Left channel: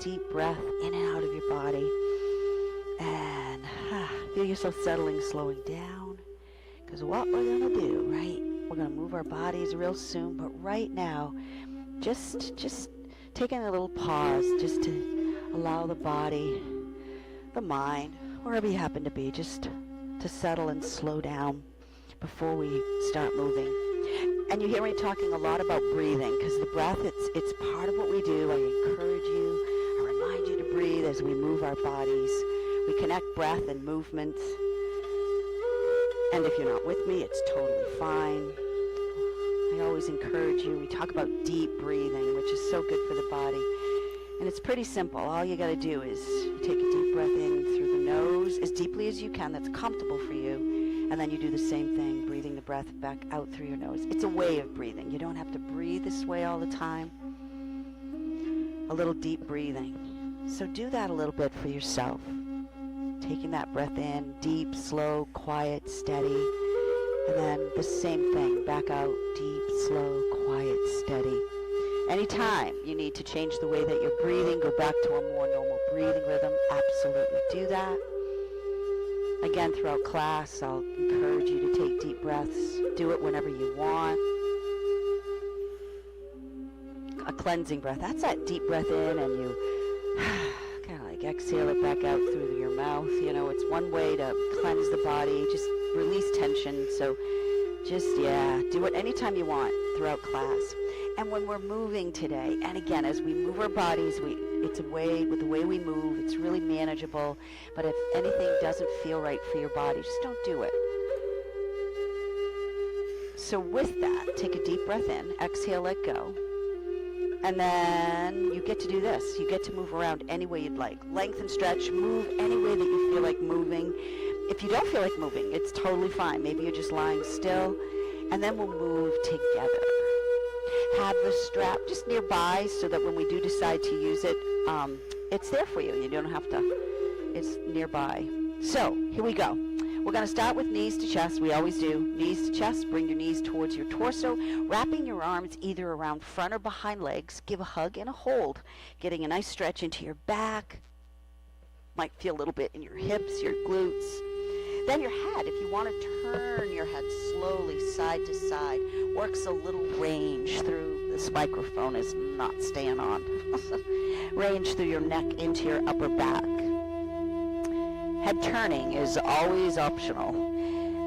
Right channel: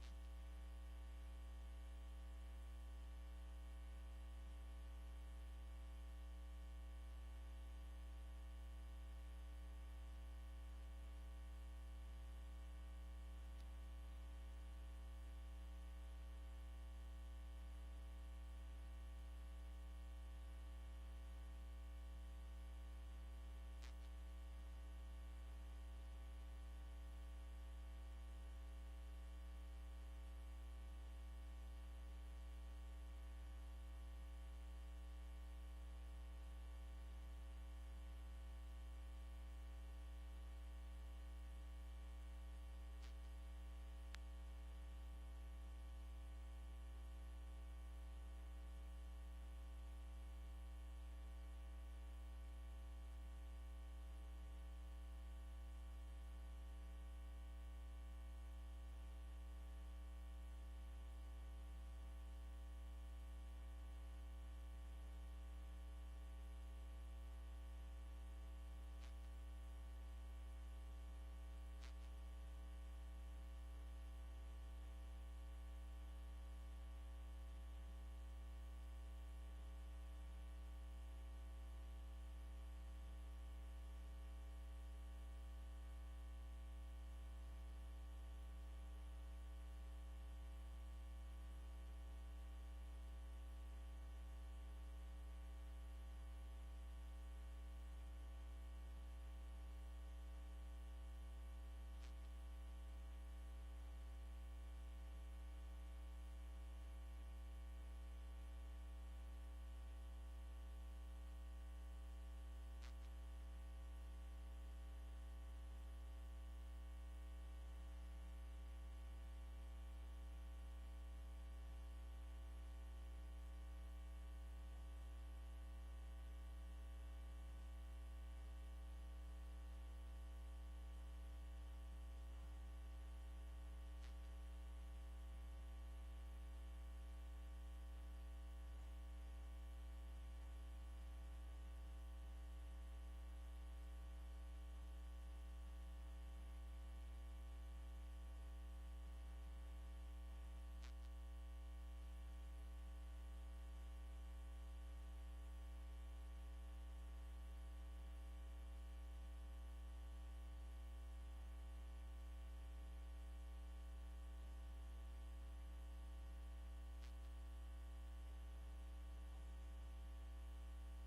deep breath in and out of your body. And feel yourself settling, slowing down. Because what we're going to do, right? We're going to move our bodies real soon. But right now, just taking a little pause just to allow the body, the mind, wherever you happen to be, just to settle and slow down before we start moving. And you hear me talking a lot about breathing, because the breath, it's part of what we do. I encourage you, I remind you to breathe as we move our bodies. We connect breath and movement. And if you're not with me, it's totally fine. I always encourage you. We talk about deep breathing, which is so good for the body. And it's pretty simple. All you got to do is you take a deep breath in through the nose as deeply as you can. That's comfortable for you. And then you do the same thing, breathing the breath back out through your nose. It's a way of breathing. You don't have to breathe this way all the time. A little deep breathing. So do that a little bit for yourself. Taking that breath in, deep, slow, quiet, steady. And then the same thing, back out, deep, slow, quiet, steady. Anytime you need to change the way that you're breathing, go back to a more normal breathing rhythm, absolutely do that. Again, throughout class, I'll encourage you to take deep breaths. Do it whenever you want. A cleansing breath, that's that deep breath in and you kind of like exhale it back out through your mouth. You know, it's one way to cleanse the body, just release tension. So just, do it anytime you want throughout class. And when we're moving today, and again, as we move our bodies, it's a way, with the way we move, it's really manageable. But if anything doesn't feel right for your body, just don't do it. So with that, take a deep breath in, exhale, let go. And then you get to do this. You get to move around any way you'd like. Lengthen, stretch, move any way that you feel like moving. If you don't feel like moving, it's totally fine. Maybe you're just lying still. And then we'll move together. Have the strap just nearby so that when we do decide to use it, it's there for you. You don't have to, it's nearby. So here we go. We're going to start with knees to chest. We always do. Knees to chest. Bring your knees towards your torso. Wrapping your arms either around front or behind legs. Give a hug and a hold. Getting a nice stretch into your back. Might feel a little bit in your hips, your glutes. Then your head. If you want to turn your head slowly side to side. Works a little range through. This microphone is not staying on. Range through your neck into your upper back. Head turning is always optional.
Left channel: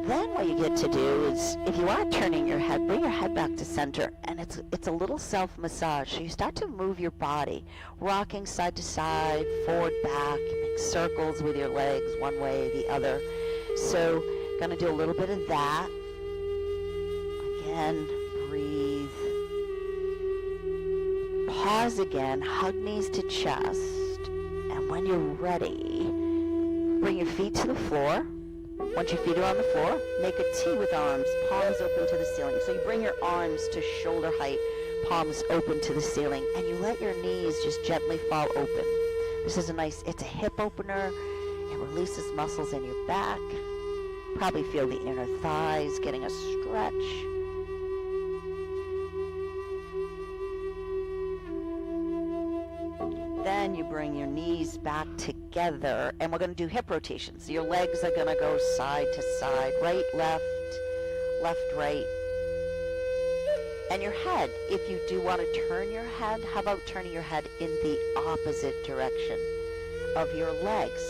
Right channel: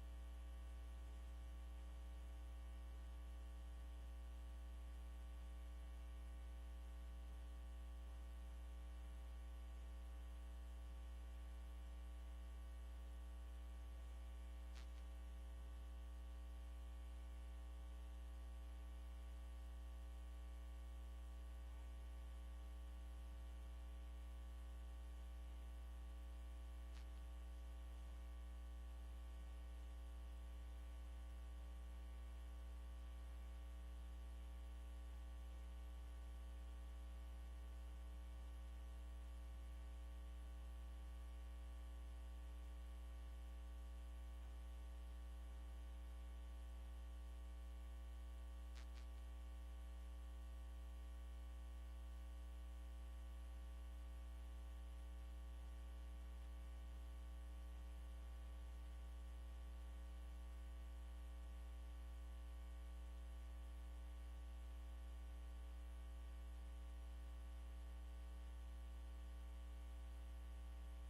Then what you get to do is, if you are turning your head, bring your head back to center, and it's a little self-massage. So you start to move your body, rocking side to side, forward, back. You make circles with your legs one way, the other. So gonna do a little bit of that. Again, breathe. Pause again, hug knees to chest, and when you're ready, bring your feet to the floor. Once your feet are on the floor, make a T with arms, palms open to the ceiling. So you bring your arms to shoulder height, palms open to the ceiling, and you let your knees just gently fall open. This is it's a hip opener. It releases muscles in your back. Probably feel the inner thighs getting a stretch. Then you bring your knees back together, and we're going to do hip rotations. Your legs are going to go side to side, right, left, left, right. And your head, if you do want to turn your head, how about turning your head in the opposite direction of your legs?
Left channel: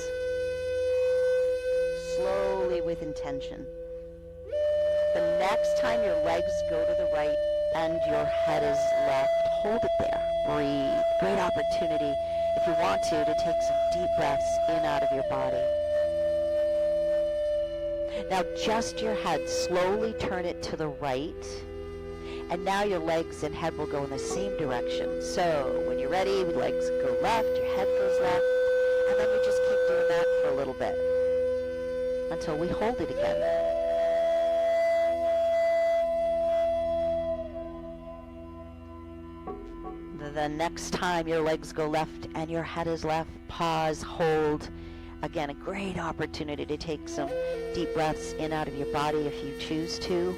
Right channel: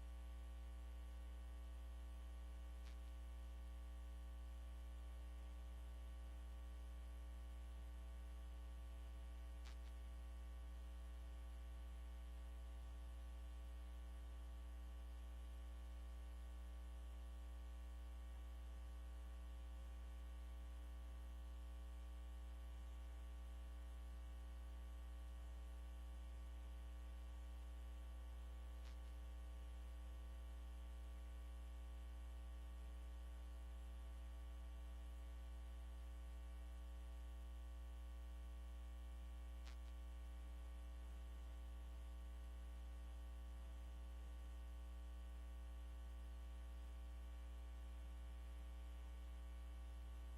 Slowly with intention. The next time your legs go to the right and your head is left, hold it there. Breathe. Great opportunity, if you want to take some deep breaths in out of your body. Now just your head, slowly turn it to the right. And now your legs and head will go in the same direction. So when you're ready, legs go left, your head goes left. And then you just keep doing that for a little bit until we hold it again. The next time your legs go left and your head is left, pause, hold. Again, a great opportunity to take some deep breaths in out of your body if you choose to.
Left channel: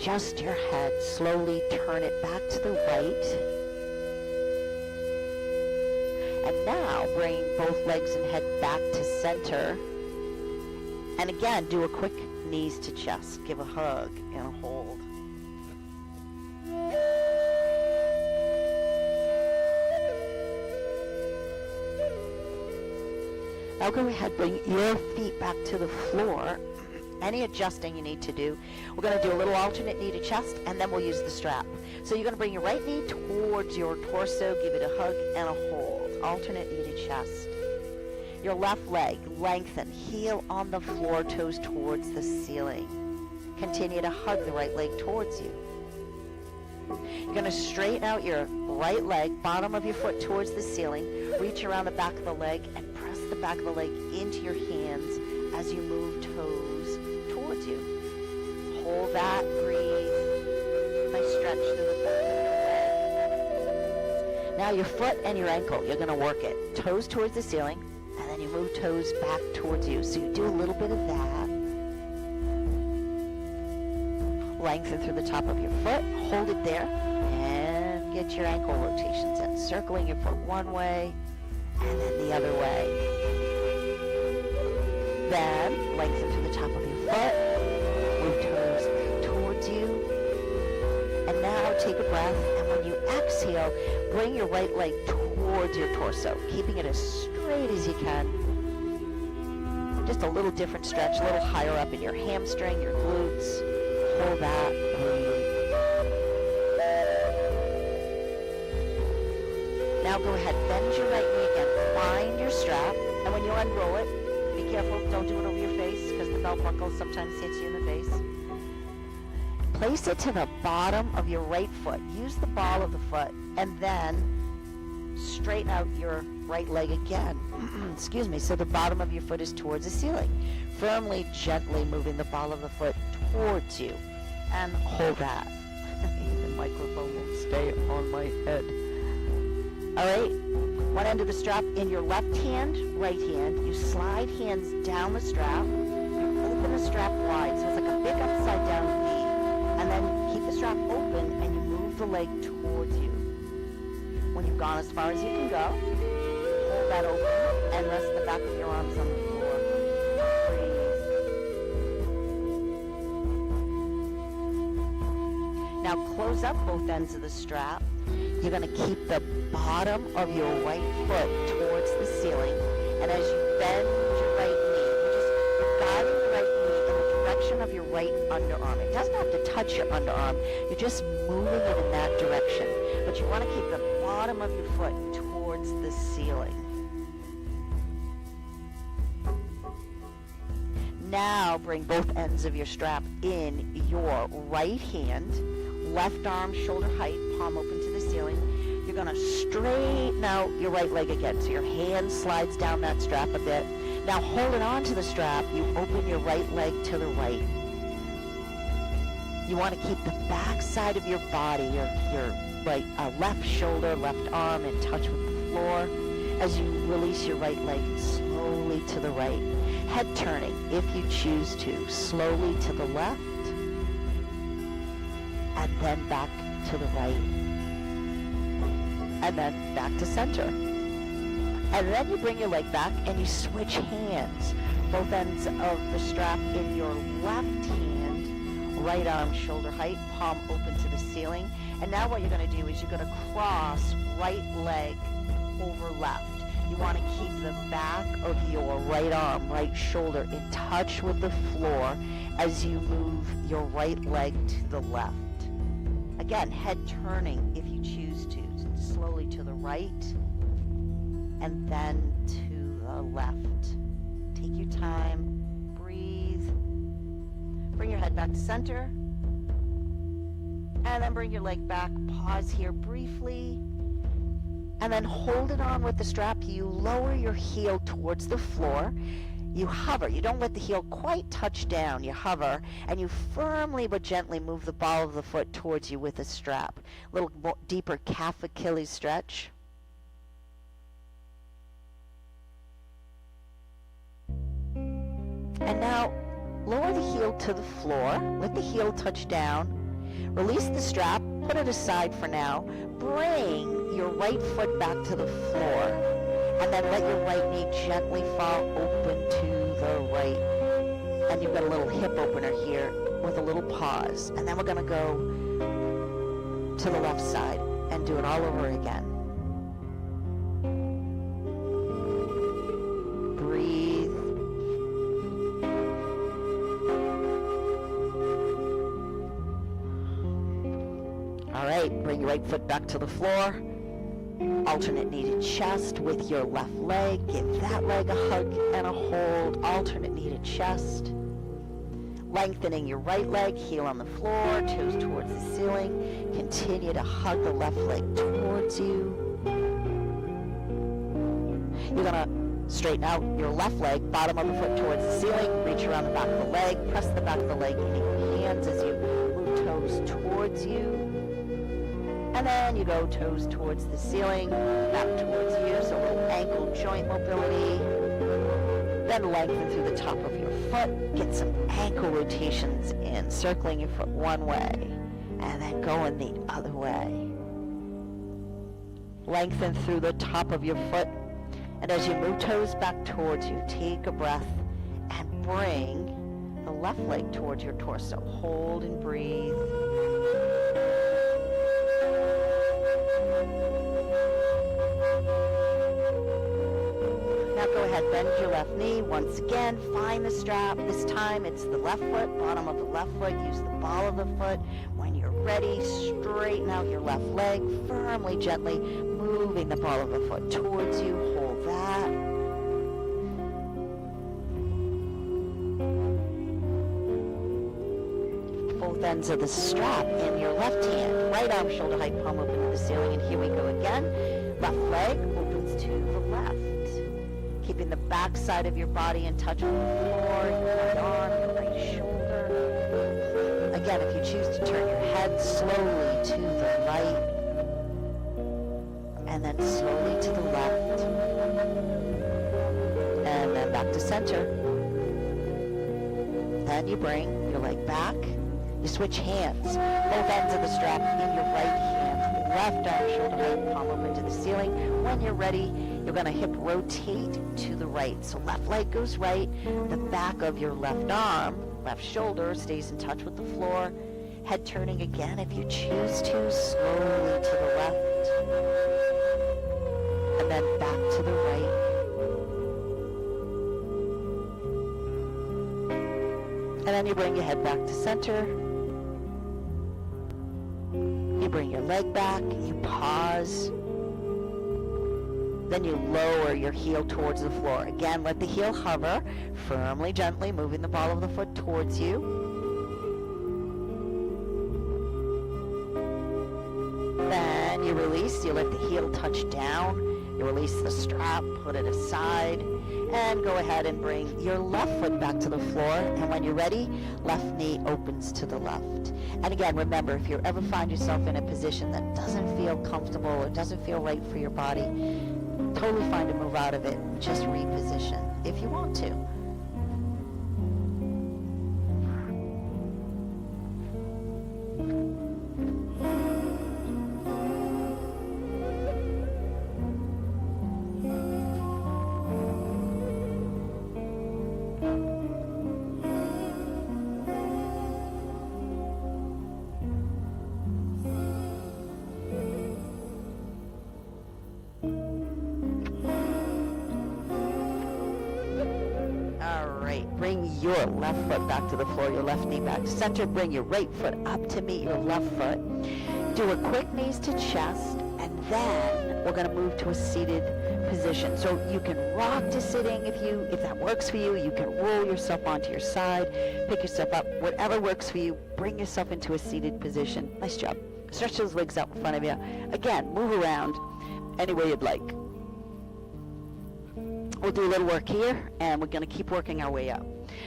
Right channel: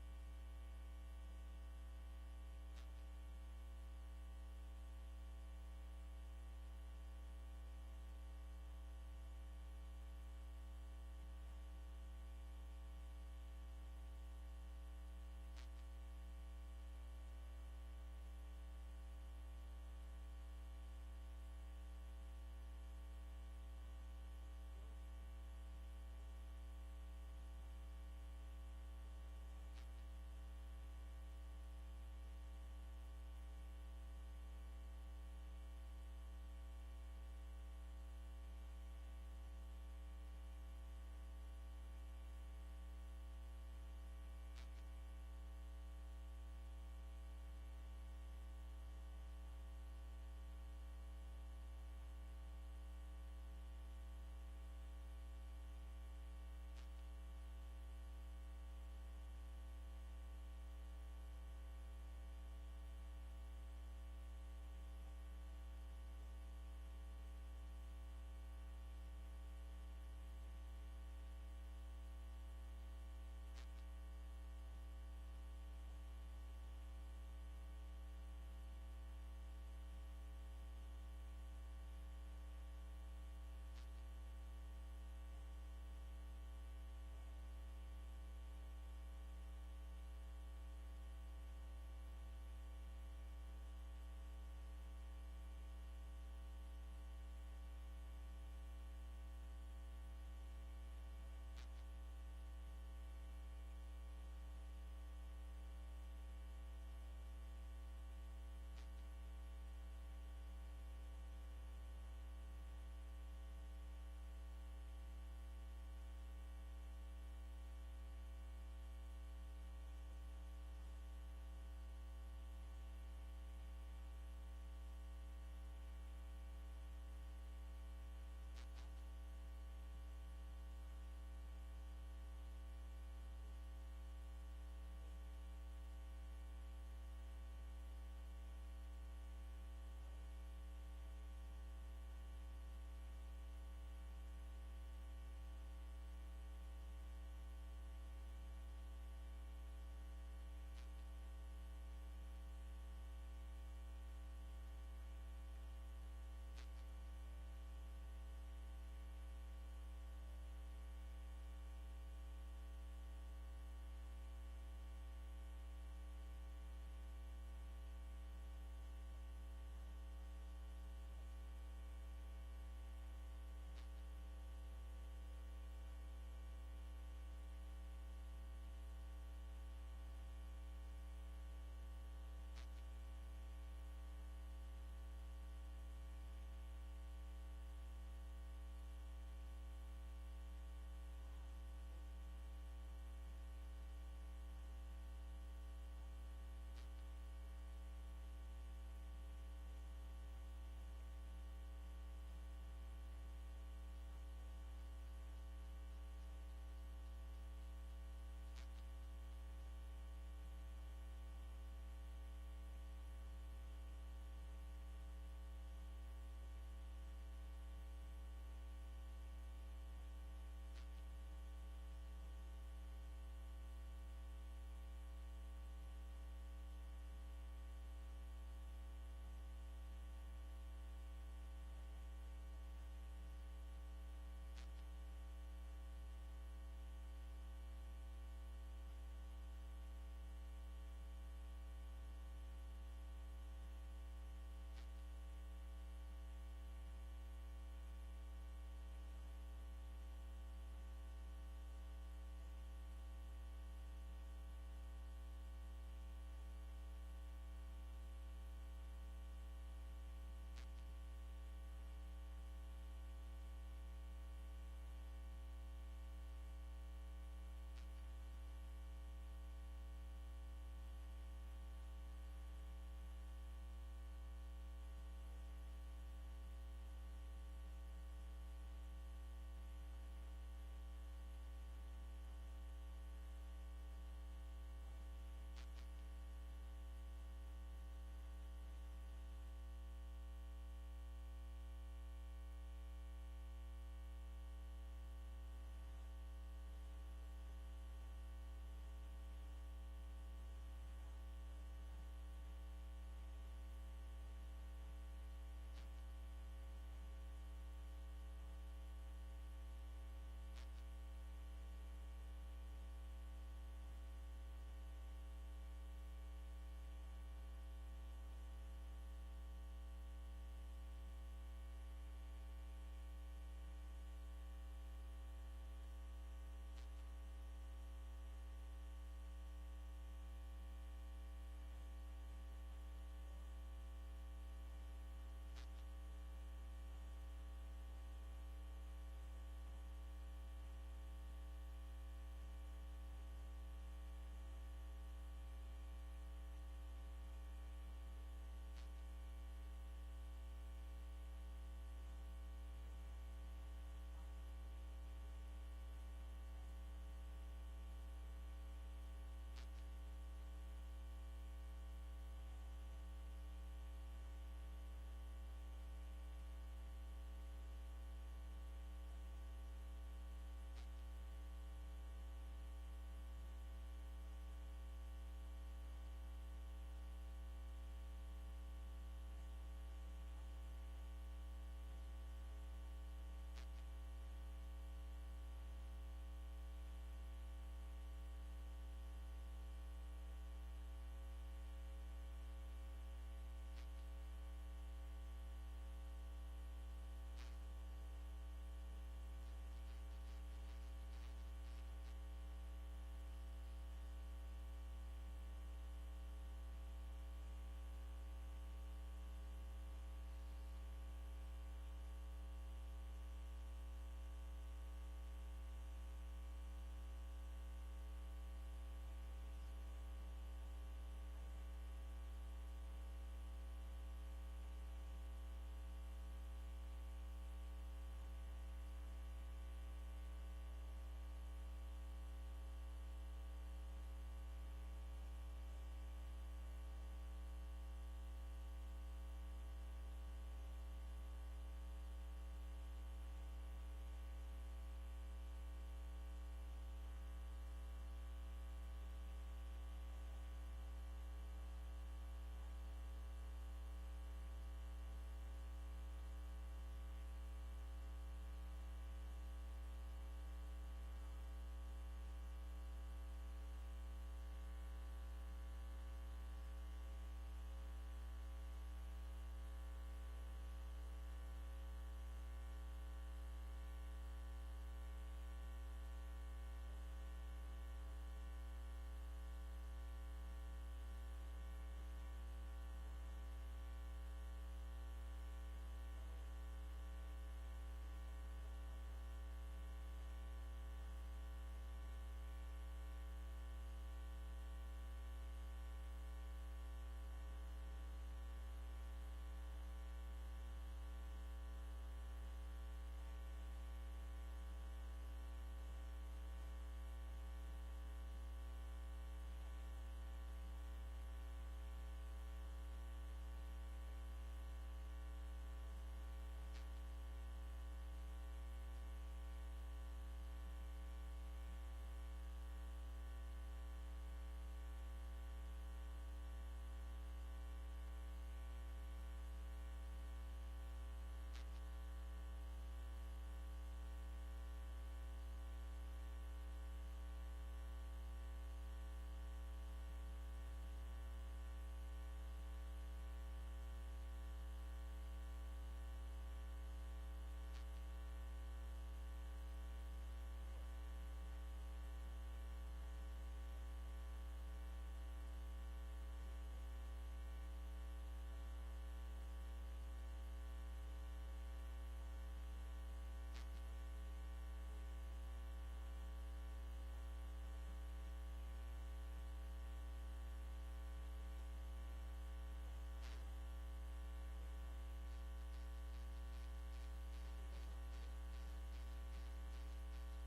Just your head, slowly turn it back to the right. bring both legs and head back to center. And again, do a quick knees to chest. Give a hug and a hold. Now go ahead, bring your feet back to the floor. Any adjusting you need to do. We're going to do a little alternate knee to chest, and then we'll use the strap. So you're going to bring your right knee towards your torso, give it a hug and a hold. Alternate knee to chest. Your left leg, lengthen, heel on the floor, toes towards the ceiling. Continue to hug the right leg towards you. You're going to straighten out your right leg, bottom of your foot towards the ceiling. Reach around the back of the leg and press the back of the leg into your hands as you move toes towards you. Hold that, breathe. Nice stretch through the back of your leg. Now your foot and your ankle, you're going to work it. Toes towards the ceiling, and then you move toes back towards you. So you do a little bit of that. Lengthen through the top of your foot, hold it there, and get your ankle rotations in. Circling your foot one way, and then the other way. Then, lengthen through the top of your foot, move toes towards you, and now take a breath, and when you exhale, bring your right leg towards your torso, keeping it as straight as you can. Just a little different stretch, a little higher up in your hamstring, your glutes. Hold that, breathe. Now go ahead, bend your right knee again, find your strap, and when you unroll it, be careful, don't do it over your face, because the belt buckle sometimes hits you in the face. Place it to the bottom of your right foot. Use the ball of the foot, and then straighten out your right leg again. Excuse me, so the bottom of your foot is towards the ceiling. Firmly, gently moving the ball of the foot towards you, and hold that. The microphone will stay on my head. All right, one end of the strap in your left hand, right hand. You slide hands down the strap. You open the strap wide, so it's like a big upside down V. And then keep the strap open, and you move the leg towards you. When you've gone as far as you can go, hold that open, and rest the back of your arms on the floor. Now close up both ends of the strap. You're going to keep the bottom of your right foot towards the ceiling. And as you bend your right knee, you're guiding the right knee in the direction of your right underarm. It doesn't have to touch your underarm. You're just moving it in that direction. But you want to keep the bottom of your foot towards the ceiling. Now bring both ends of your strap in your right hand. Left arm, shoulder height, palm open to the ceiling. You're going to straighten out your right leg again. So your hand slides down that strap a bit. Now holding on to the strap, you open your right leg to the right. You want to keep the back side of your body, your right left shoulder, left arm in touch with the floor as you release your right leg slowly to the right. Head turning, if you choose to, slowly to the left, and then back to the right, and then back to center. And then you bring your leg back and you switch hands. Both ends of the strap in your left hand, right arm shoulder height, palm open to the ceiling. And now what you're going to do is you're going to cross right leg over left. You want to keep the back of your right arm, right shoulder in touch with the floor as you move your right leg to the left. Again, head turning if you choose to, slowly to the right and then to the left. Take your time, breathe, bring your head back to center, and then bring your leg back. Pause here briefly, and then hold it on with the strap. You lower your heel towards the floor. You hover. You don't let the heel quite touch down. You hover, and you firmly but gently move the ball of the foot towards you with the strap. A little more deeper calf Achilles stretch. And now lower the heel to the floor. Let the heel touch down. Release the strap. Put it aside for now. Bring your right foot back to the floor. And then let your right knee gently fall open to the right. And you've got a little hip opener here with a little pause. And then we're going to go to the left side and do it all over again. Breathe. All right, bring your right foot back to the floor. Alternate knee to chest with your left leg. Give that leg a hug and a hold. Alternate knee to chest. Lengthening your right leg, heel on the floor, toes towards the ceiling. Continue to hug the left leg towards you. You're going to straighten out your left leg, bottom of the foot towards the ceiling. Reach around the back of the leg. Press the back of the leg into your hands as you move toes towards you. And then you go toes towards the ceiling, back towards you, so a little ankle joint mobility. Then lengthen through the top of your foot. Get some ankle rotations in, circling your foot one way, and then going the other way. Lengthen through the top of your foot, and as you move toes back towards you, take a breath and bring the left leg towards your torso. Hold and breathe. Now go ahead, bend your left knee. Once again, find the strap. This time it's the left foot, bottom of the left foot. Use the ball of the foot. When you're ready, straighten out your left leg, firmly, gently moving the ball of the foot towards you. Hold that. Both ends of the strap in your left hand. Right arm, shoulder height, palm open to the ceiling. And here we go again. Left leg opens to the left. Keeping the back side of your body in touch with the floor, your right arm, your right shoulder. Again, if you choose to turn your head slowly to the right, and then slowly to the left, and then back to center. Then you bring your leg back. You switch hands, both ends of the strap in your right hand, left arm, shoulder height, palm open to the ceiling. When you're ready, you're going to hip rotate to the right. So left leg goes right, the back of your left arm, left shoulder stays in touch with the floor. Head turning again if you choose to, slowly to the left, and then back to the right. And then you bring your head back to center. You bring your leg back, you pause. Then you lower your heel towards the floor. Again, let the heel hover, firmly, gently, moving the ball of the foot towards you. Then you release, you let the heel touch down. You release the strap, put it aside, and go ahead and bring your left foot back to the floor. And when you're ready, left knee opens to the left. And again, remember, if you ever find yourself in a position that doesn't feel comfortable or doesn't feel right for your body, totally fine to move out of it. Just reposition if you want to. Bring your left foot back to the floor, your left knee back to center. Bring your right foot up to meet your left foot. Do a quick knees to chest, and then we're going to move to a seated position. So you can rock to sitting if that works for you. You can roll yourself onto your side, pick yourself up, whatever works for you. Bring yourself into a seated position. Nice job. Stretch those legs out in front of you. Again, move around any way you'd like. We'll do a little work here, and we're going to keep working our way up.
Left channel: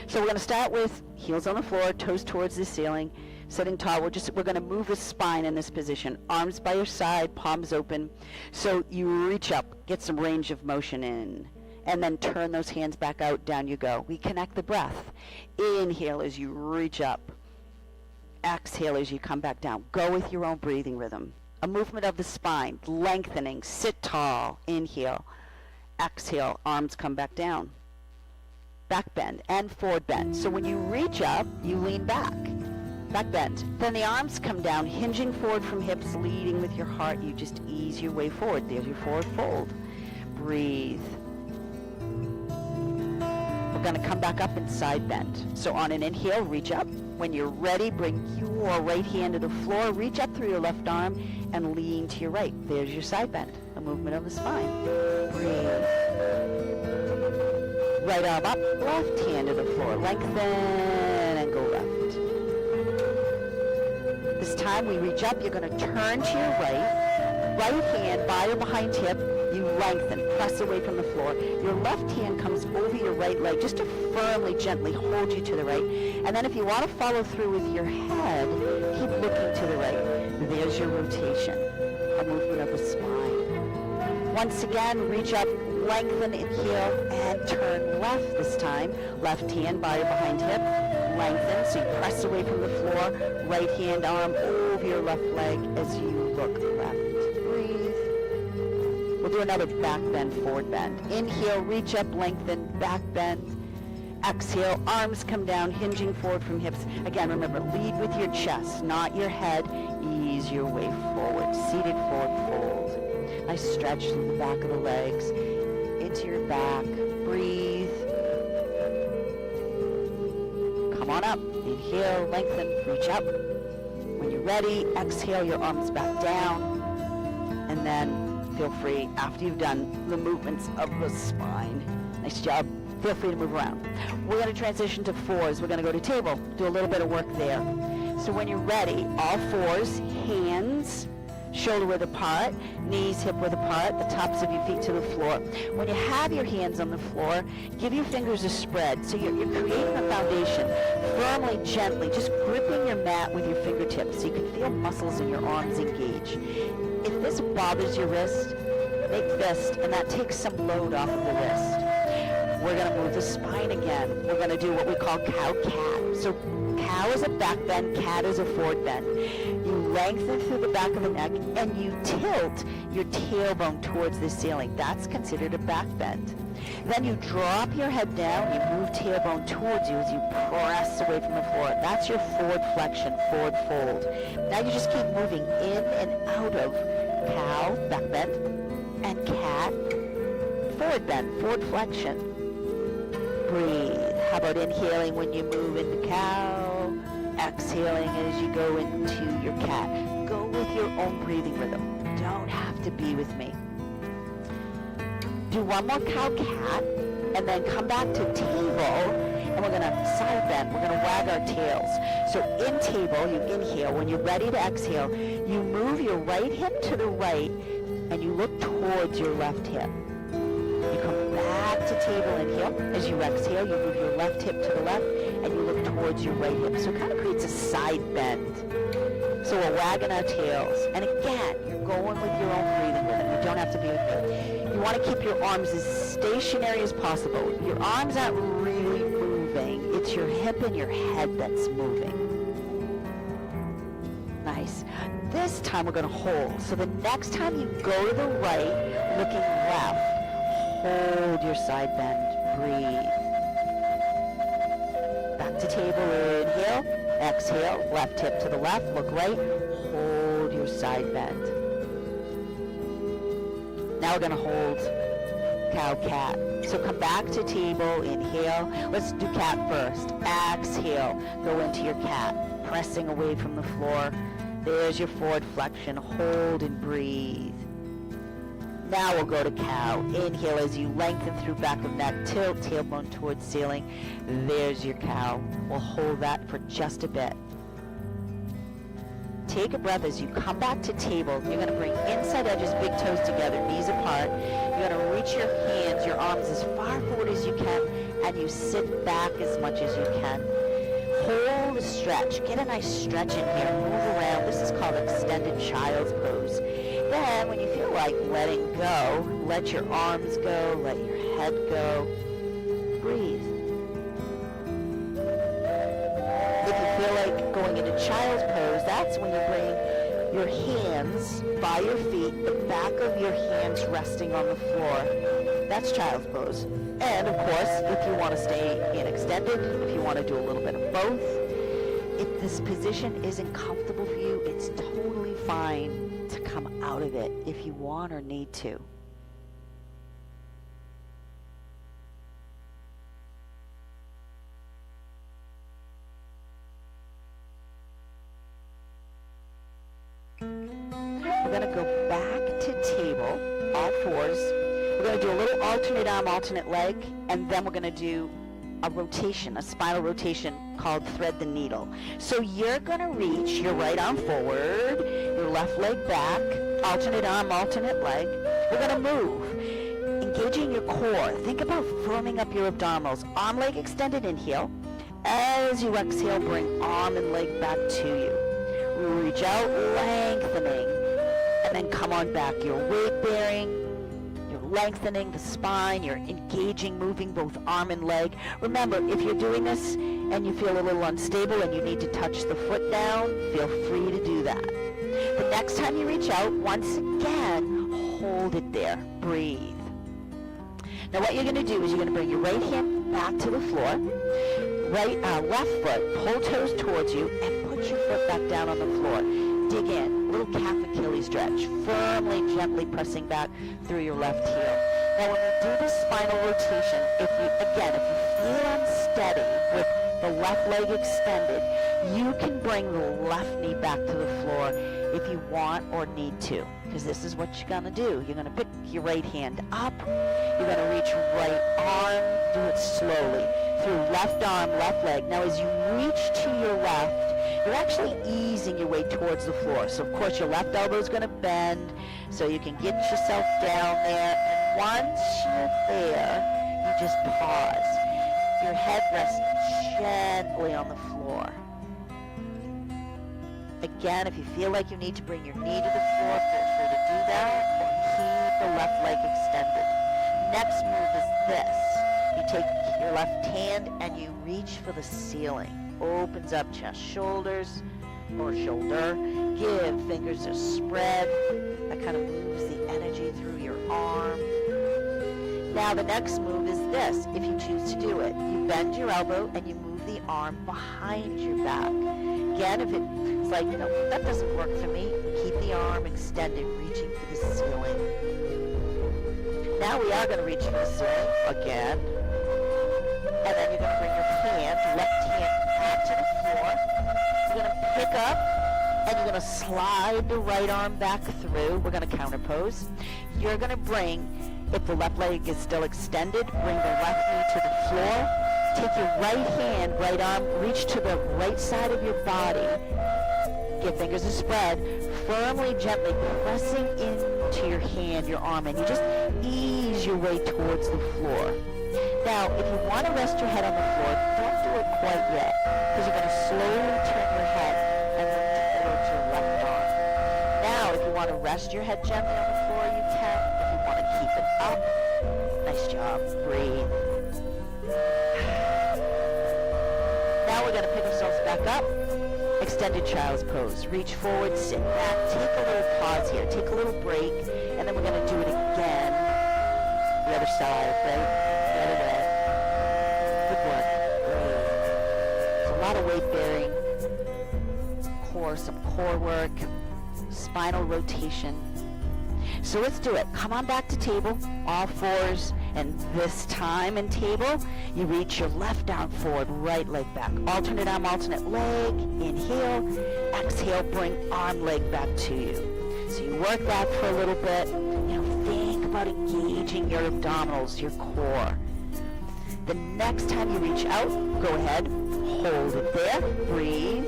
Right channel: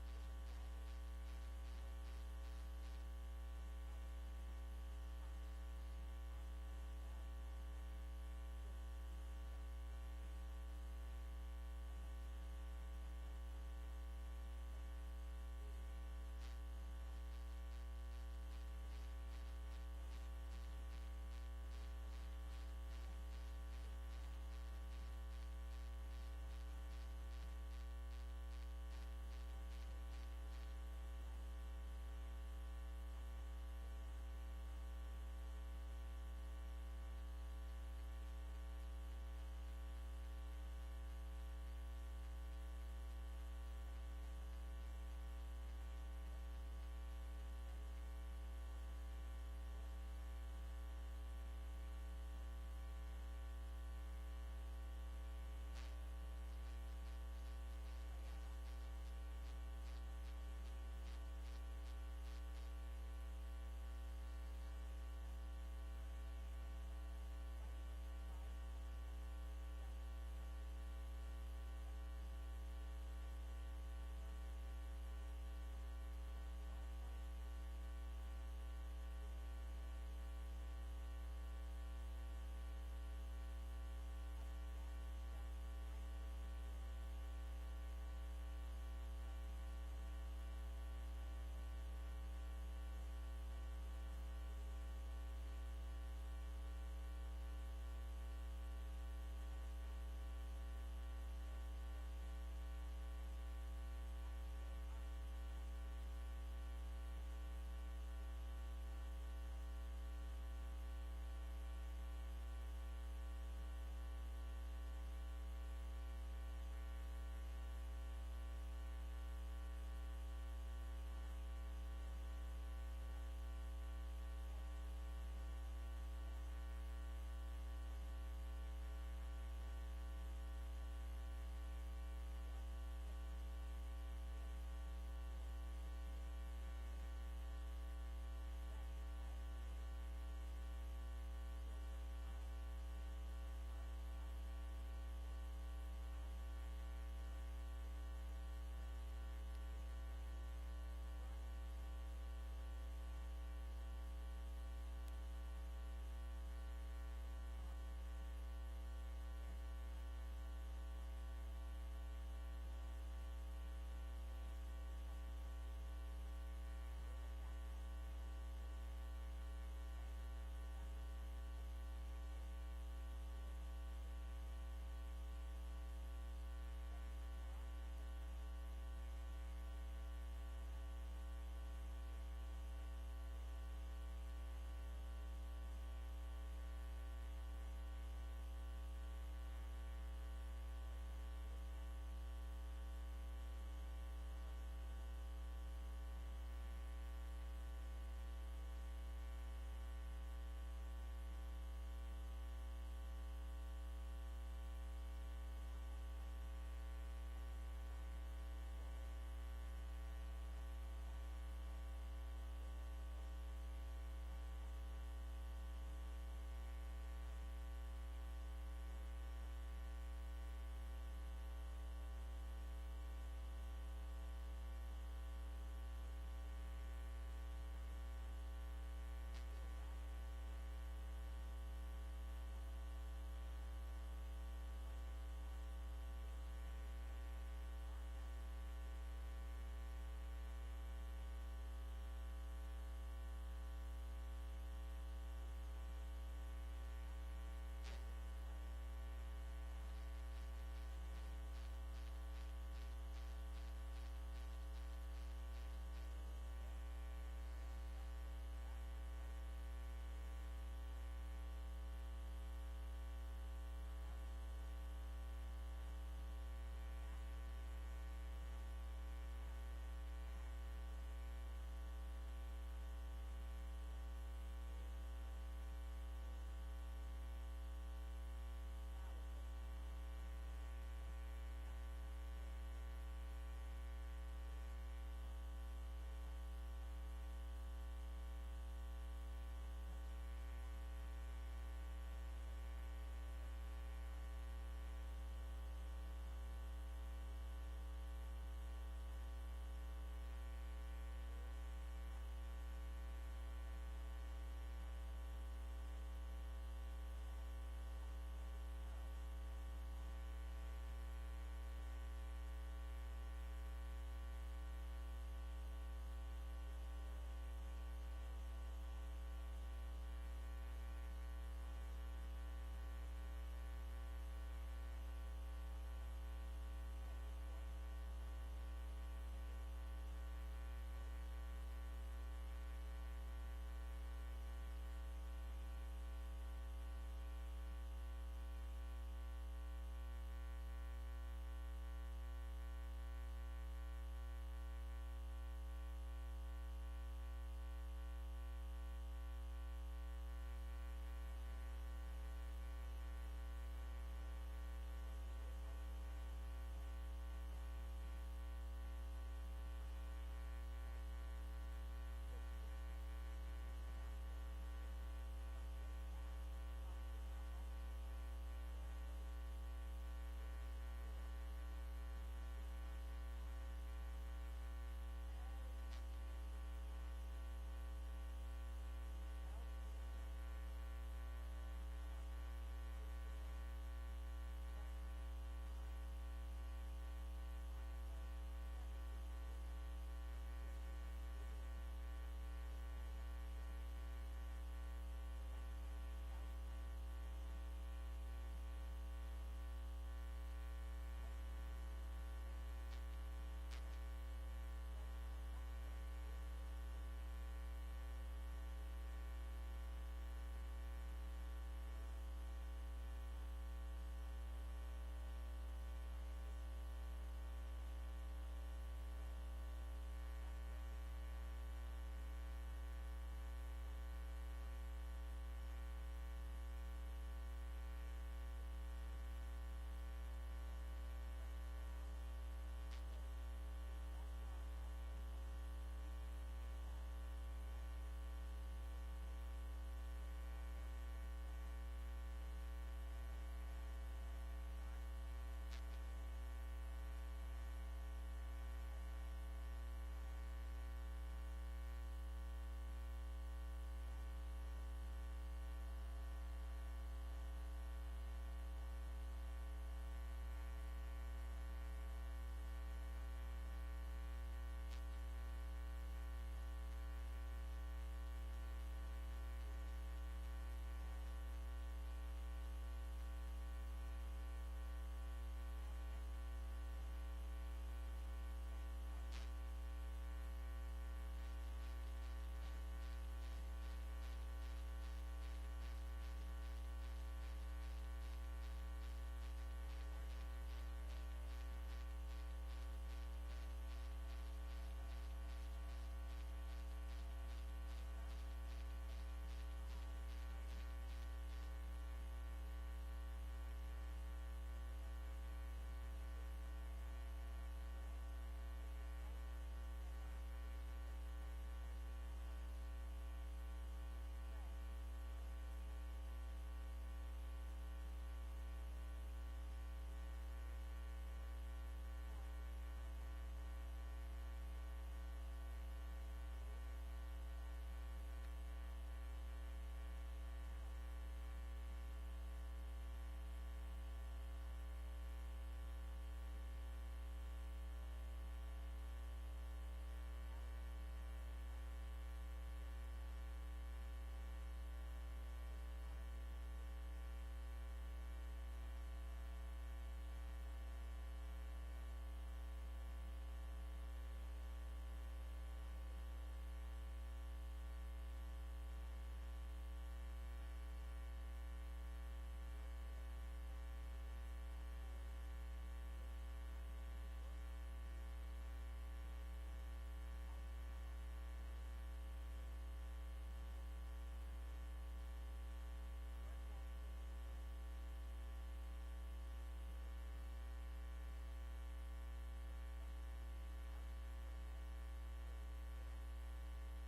So we're going to start with heels on the floor, toes towards the ceiling, sitting tall. We're going to move the spine in this position. Arms by your side, palms open. So you reach up, get some range of motion in, and then turn those hands back out. Down you go. We connect the breath. Inhale as you reach up. Exhale as you come back down. Go with your own breathing rhythm. A movement of the spine, lengthening. Sit tall. Inhale. exhale, arms come back down. Back bend and forward bend. So when you reach up, you lean back. Back bend. Then the arms come down, hinging forward from hips, leading with your heart. You just ease your way forward. There's your forward fold. Breathe. We're going to come back up and side bend. So on an inhale, reach up. When you're ready, bring your right hand to the floor. Reach up through your left arm and lean to your right. There's your side bend, a movement of the spine. Breathe. Right arm up, left hand to the floor. Lengthen and go left. This time we reach up, you're going to turn to your right. Right hand by or behind hip. You lengthen, press away from the floor. Your left hand comes over your right leg just to firmly, gently hold you to the right. And then if you want to follow through with your head, keep looking to the right. There's your rotation, a movement of the spine. Once again, reach up, lengthen, inhale, and turn left this time. Left hand by or behind hip. Lengthen, so you press away from the floor. Right hand arm over your left leg as you look left. Breathe. We'll do another back bend, forward bend. Inhale, reach up, lengthen, back bend. Exhale, arms come down, hinging forward from hips. Again, remember, lead with your chest, not your head. Ease your way forward. Seated forward fold. Nice stretch through the back of the legs, into your back. Breathe. Come on up. Inhale, lengthen, reach up. When you're ready, exhale, your arms back down. And then feel free, after you've done the movements of the spine. Nice job. Feel free to move around. We're going to transition to fours. We're going to go to table, do a little bit of work there. So when you're ready, all fours, hands shoulder width apart, knees hip width apart, the tops of your feet to the floor. When you have your hands on the floor, give your fingers a spread. So you're creating a foundation, firmly, gently, just gripping your mat with your fingertips so you can feel muscles in your arms engage. If this bothers your wrist, make fist, and that takes some load off of the wrist. We're going to move the spine again. We're going to do what we call cow-cat. So cow is a back bend, cat is a forward bend. You lengthen through the back of the neck, and you tilt your tailbone towards the ceiling. That's considered a back bend. Then you drop your head down, you move tailbone towards you as you press away from the floor. That's your forward flexion, forward fold. Now you just keep moving in and out of cow, back bend, and cat, forward bend, forward flexion. Breathe. How about inhaling when you move into cow, exhaling as you go into your cat. Go with your own breathing rhythm. Don't have to be with me. Do one more cow-cat, and then come back to table, and we're going to side bend. We're going to wag our tails. So in table, you inhale. When you're ready to exhale, you move your right hip to the right, and you look towards your left hip. You come back to table, inhale. As you exhale, you move your left hip to the left, and you look towards your right hip. So it kind of creates a side bend. So we're wagging our tails. And again, you're going with your own breathing rhythm. You don't have to be with me. You want to keep your arms as stationary as possible. Your arms aren't really moving. It's your hip and your head that's moving. Nice. This time we're going to hold. So the next time you go to the right, looking left, hold your side bend. Breathe. Back to table. Inhale. Exhale. Left hip to the left. Look right. Hold your side bend. Now we're going to hold cow-cat. So come back to table. Inhale. Let's do cat first. Exhale. Go into your cat. Pressing away from the floor. There's your forward flexion. Hold and breathe. Now we'll go to cow. Inhale as you lengthen through back of neck. Tilt tailbone towards ceiling. There's your cow. We'll hold that for just a bit. Take a breath as you come back to table. You're going to bring inside edges, big toes together, knees apart. You're going to reach your hands, your arms as far forward as you can, and you sit back as much as you can. Hold a stretch. Get a nice stretch in here. Move around. This is called extended child's pose. Then, when you feel like letting go, let your arms go, let your head go. Breathe. If you feel like going into child's pose, that's when you bring your hands by your feet, the back of your hands resting on the floor. That's child's pose. And of course, if you want to stay in extended, if you want to do a little bit of both, if this position isn't comfortable for you, it's totally fine to come out of it if you want or need to. We're going to go back to table, all fours. We're going to do a little alternate arm, alternate leg, and then we're going to do a rotation, a spinal rotation called thread the needle. So you're going to reach your right arm forward, your left leg back, alternate arm, alternate leg. We're going to move, engaging your core. Think about firming up your abdominals. Arm, leg extended, inhale. As you exhale, bring arm and leg back to you. Reach out, lengthening, and then come on back. You're weight bearing, you're lengthening the spine, you're engaging, moving both arm and leg. Remember, if you're doing this and you feel a little unstable and you need to touch the foot down, feel free to do that. The next time you reach out, once again, hold it there. Breathe. Now what you're going to do is you're going to bring your right hand back to the floor, left foot, pull toes towards you, and put your foot back down on the floor. Dig in, little calf Achilles stretch, firmly, gently pressing back through your left heel. Now when we do this spinal rotation, if you feel unsteady with the left leg extended, you can bring the left knee back to the floor if you want or need to, because this is what you're going to do. You're going to pick your right hand up, you're going to reach right arm, do it slowly, through left arm, left leg. Now as you reach to your left, you're actually easing your way towards the floor. So of course your left elbow is going to bend so you can get yourself down there. And once you're there, you just pause. Your head rests gently on the floor. Again, if you feel like you need to bring your knee to the floor, feel free to do that, or keep the left leg extended. Next move is this. You take your left hand and you reach for the ceiling. Opens up chest, shoulders, or shoulder. Give fingers a spread. That kind of moves the energy through your arm. Now the next move is this, if you choose to do it. You bend your elbow and you move the arm behind your back. Again, if it's like, no, that doesn't work for me, keep the arm extended, reaching for the ceiling. Now we are going to reach for the ceiling again. And then you're going to bring your hand, left hand, back to the floor. You're going to pick up, and you're going to slide the right arm back through. We're going to counterpose. You're going to bring, if the left leg is still extended, bring the left knee to the floor. Take your right hand, right arm, reach to the right side of your body. Give fingers a spread, firmly, gently pressing into your hand, your arm, and you just ease your way towards the floor. Now, if you want to rest your head on the floor, don't do it quite yet, because you're going to slowly turn your head and look towards your left arm. Now, if you want to rest your head gently on the floor, you can. If you want to keep it up, nice job. Breathe. Now we're going to pick ourselves back up. Extended child's pose. Reach forward, sit back, take a little pause here, take a little break, and then we're going to do it again. The other side, right? The other way. Good work. Great. There's a lot of weight bearing, some core work, spinal rotation. So let's do it. Come on back to table, all fours, and this time in table, you reach your left arm forward, right leg back. Alternate arm, alternate leg. Inhale, exhale, bring arm, leg back to you. So you work that for a little bit. Think about engaging your abdominals, your core. The next time you reach out, go ahead, hold it there, breathe.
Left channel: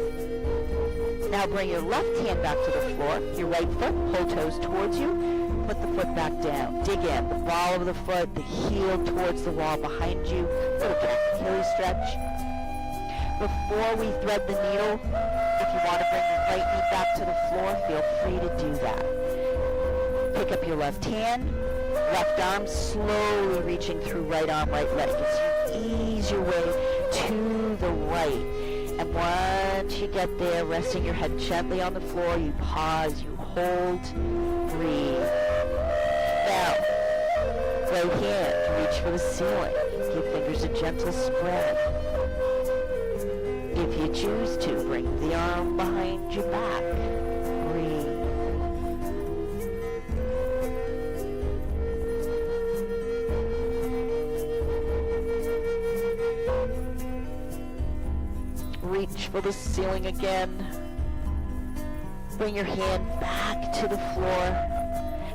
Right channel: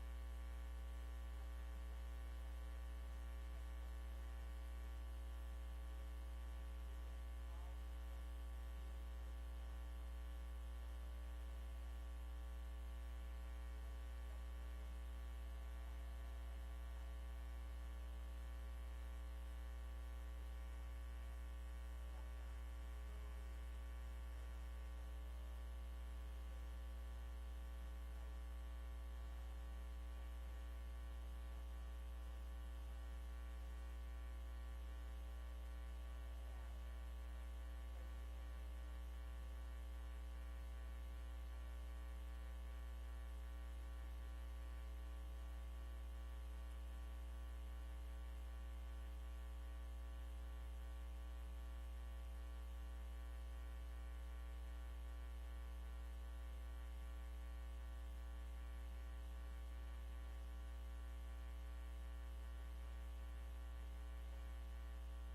Now bring your left hand back to the floor, your right foot, pull toes towards you, put the foot back down. Dig in, the ball of the foot, the heel towards the wall behind you, little Achilles stretch. Before we thread the needle, if you want to bring your right knee back to the floor, feel free to do that. Pick up your left hand, left arm, slowly reaching through right arm, right leg. As you ease your way to the right. And once you get there, resting your head gently on the floor, you pause, you hold, breathe. Now, right hand, reach for the ceiling. Give fingers a gentle spread. If you choose to, bring the arm behind your back. Breathe. Reach for the ceiling again. Bring your hand back to the floor.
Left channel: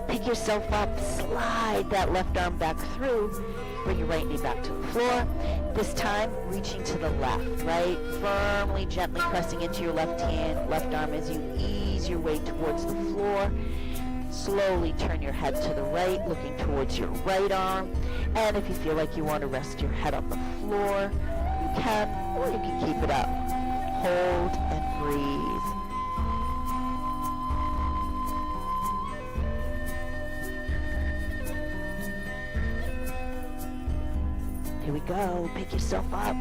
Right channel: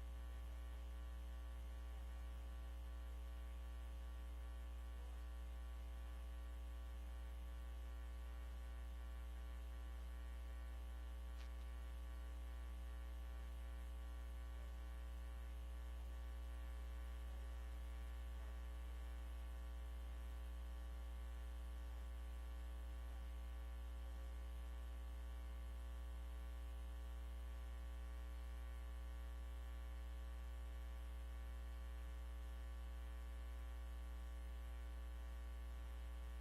Pick yourself up, slide that left arm back through. Bring your right knee back to the floor. This time, reaching to the left, right? Firmly, gently pressing into your left hand, left arm as you ease your way towards the floor. Slowly turn your head to the right, looking towards your right arm. And if you feel like you want to rest your head on the floor, you can, or you can keep it up. Hold and breathe. Here we go. Pick yourself up.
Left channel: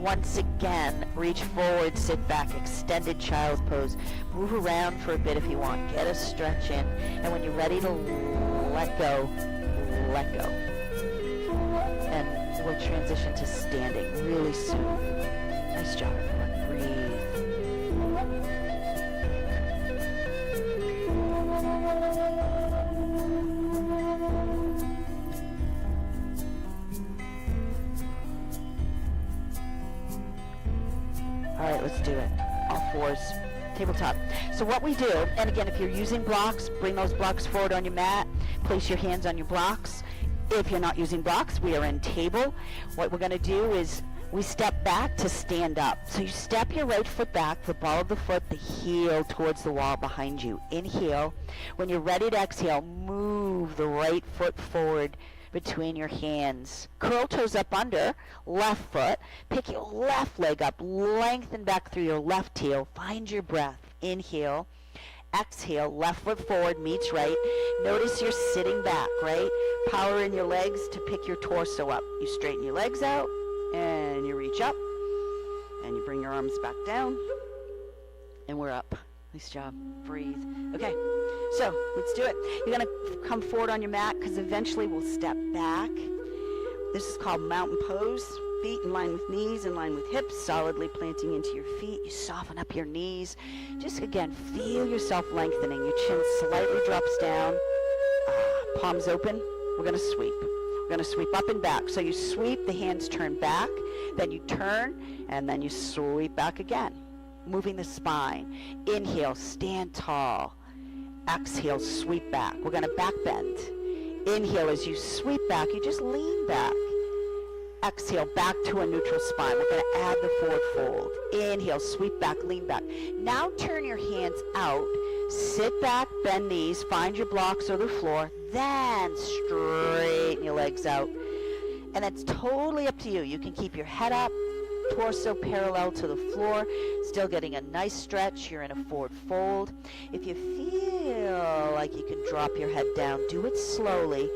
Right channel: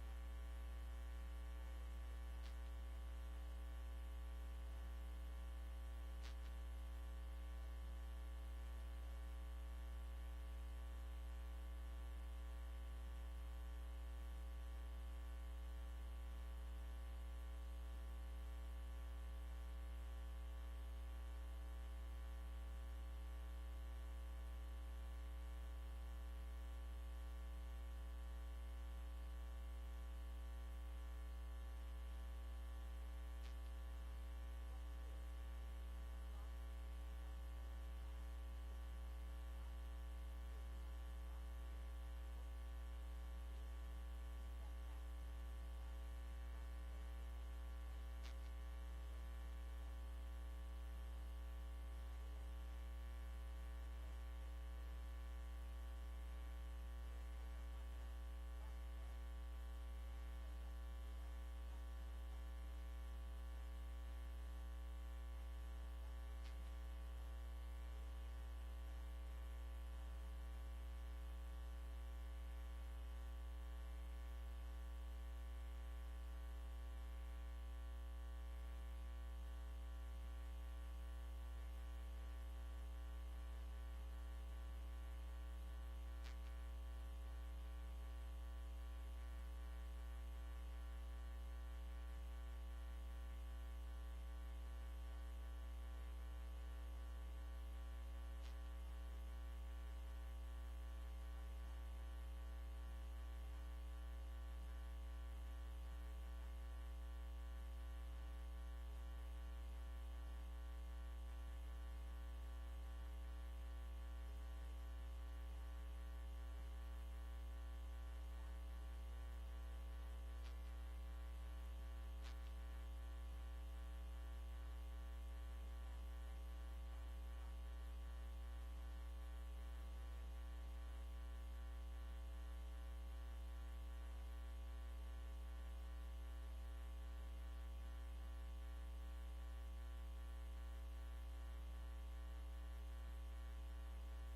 Once again, reach forward, sit back, extended child's pose. Move around for a bit if you want. Get a stretch in. And when you're ready to let go, let go. And we'll transition to standing really soon. Nice job, everyone. Breathe. All right, let's do it. All fours, tabletop. So what we do, and again, if you're using blocks, bring those blocks forward on your mat. Place your hands on your blocks. If you're not using blocks, we are in table. What we're going to do is we step back to stand up. So you step your right foot back, the ball of the foot, the heel towards the wall behind you. Inhale. When you're ready to exhale, move the right foot forward between your hands. Curl toes up under, left foot. Pick your left leg up, lengthen back through your left heel. Find your breath. Inhale. Exhale, left foot forward meets right. Notice you're sitting back, right? Power in your legs to pick your torso up. You straighten your legs out, and you reach up, and you bring your arms back down, and we're up. Nice job. Breathe. Okay, so let's do it. You're going to come forward on your mat, because eventually we'll step back. This is called mountain pose. Feet in line with knees, in line with hips, solidly planting into your feet. You soften up your knees. Just, again, feel yourself lengthening. Your chin slightly drops down. Palms open. We're going to sweep. We're going to sweep up and back. So you sweep, the hands turn back, then you turn, and then you sweep back again, moving the spine. Inhale, stand tall. Exhale, sweep back. We're going to back bend. Inhale, as you sweep back, you just lean back. Exhale, back to a neutral spine. We're going to add the forward fold. Inhale, sweep back, lean back. Now turn your hands out. Sit back, bend knees, find your blocks or the floor. Then straighten your legs out. And that's totally up to you. You can keep your head up, torso parallel to the floor, still getting a nice stretch. You're in a forward fold. If you feel like you can drop your head down, do it slowly.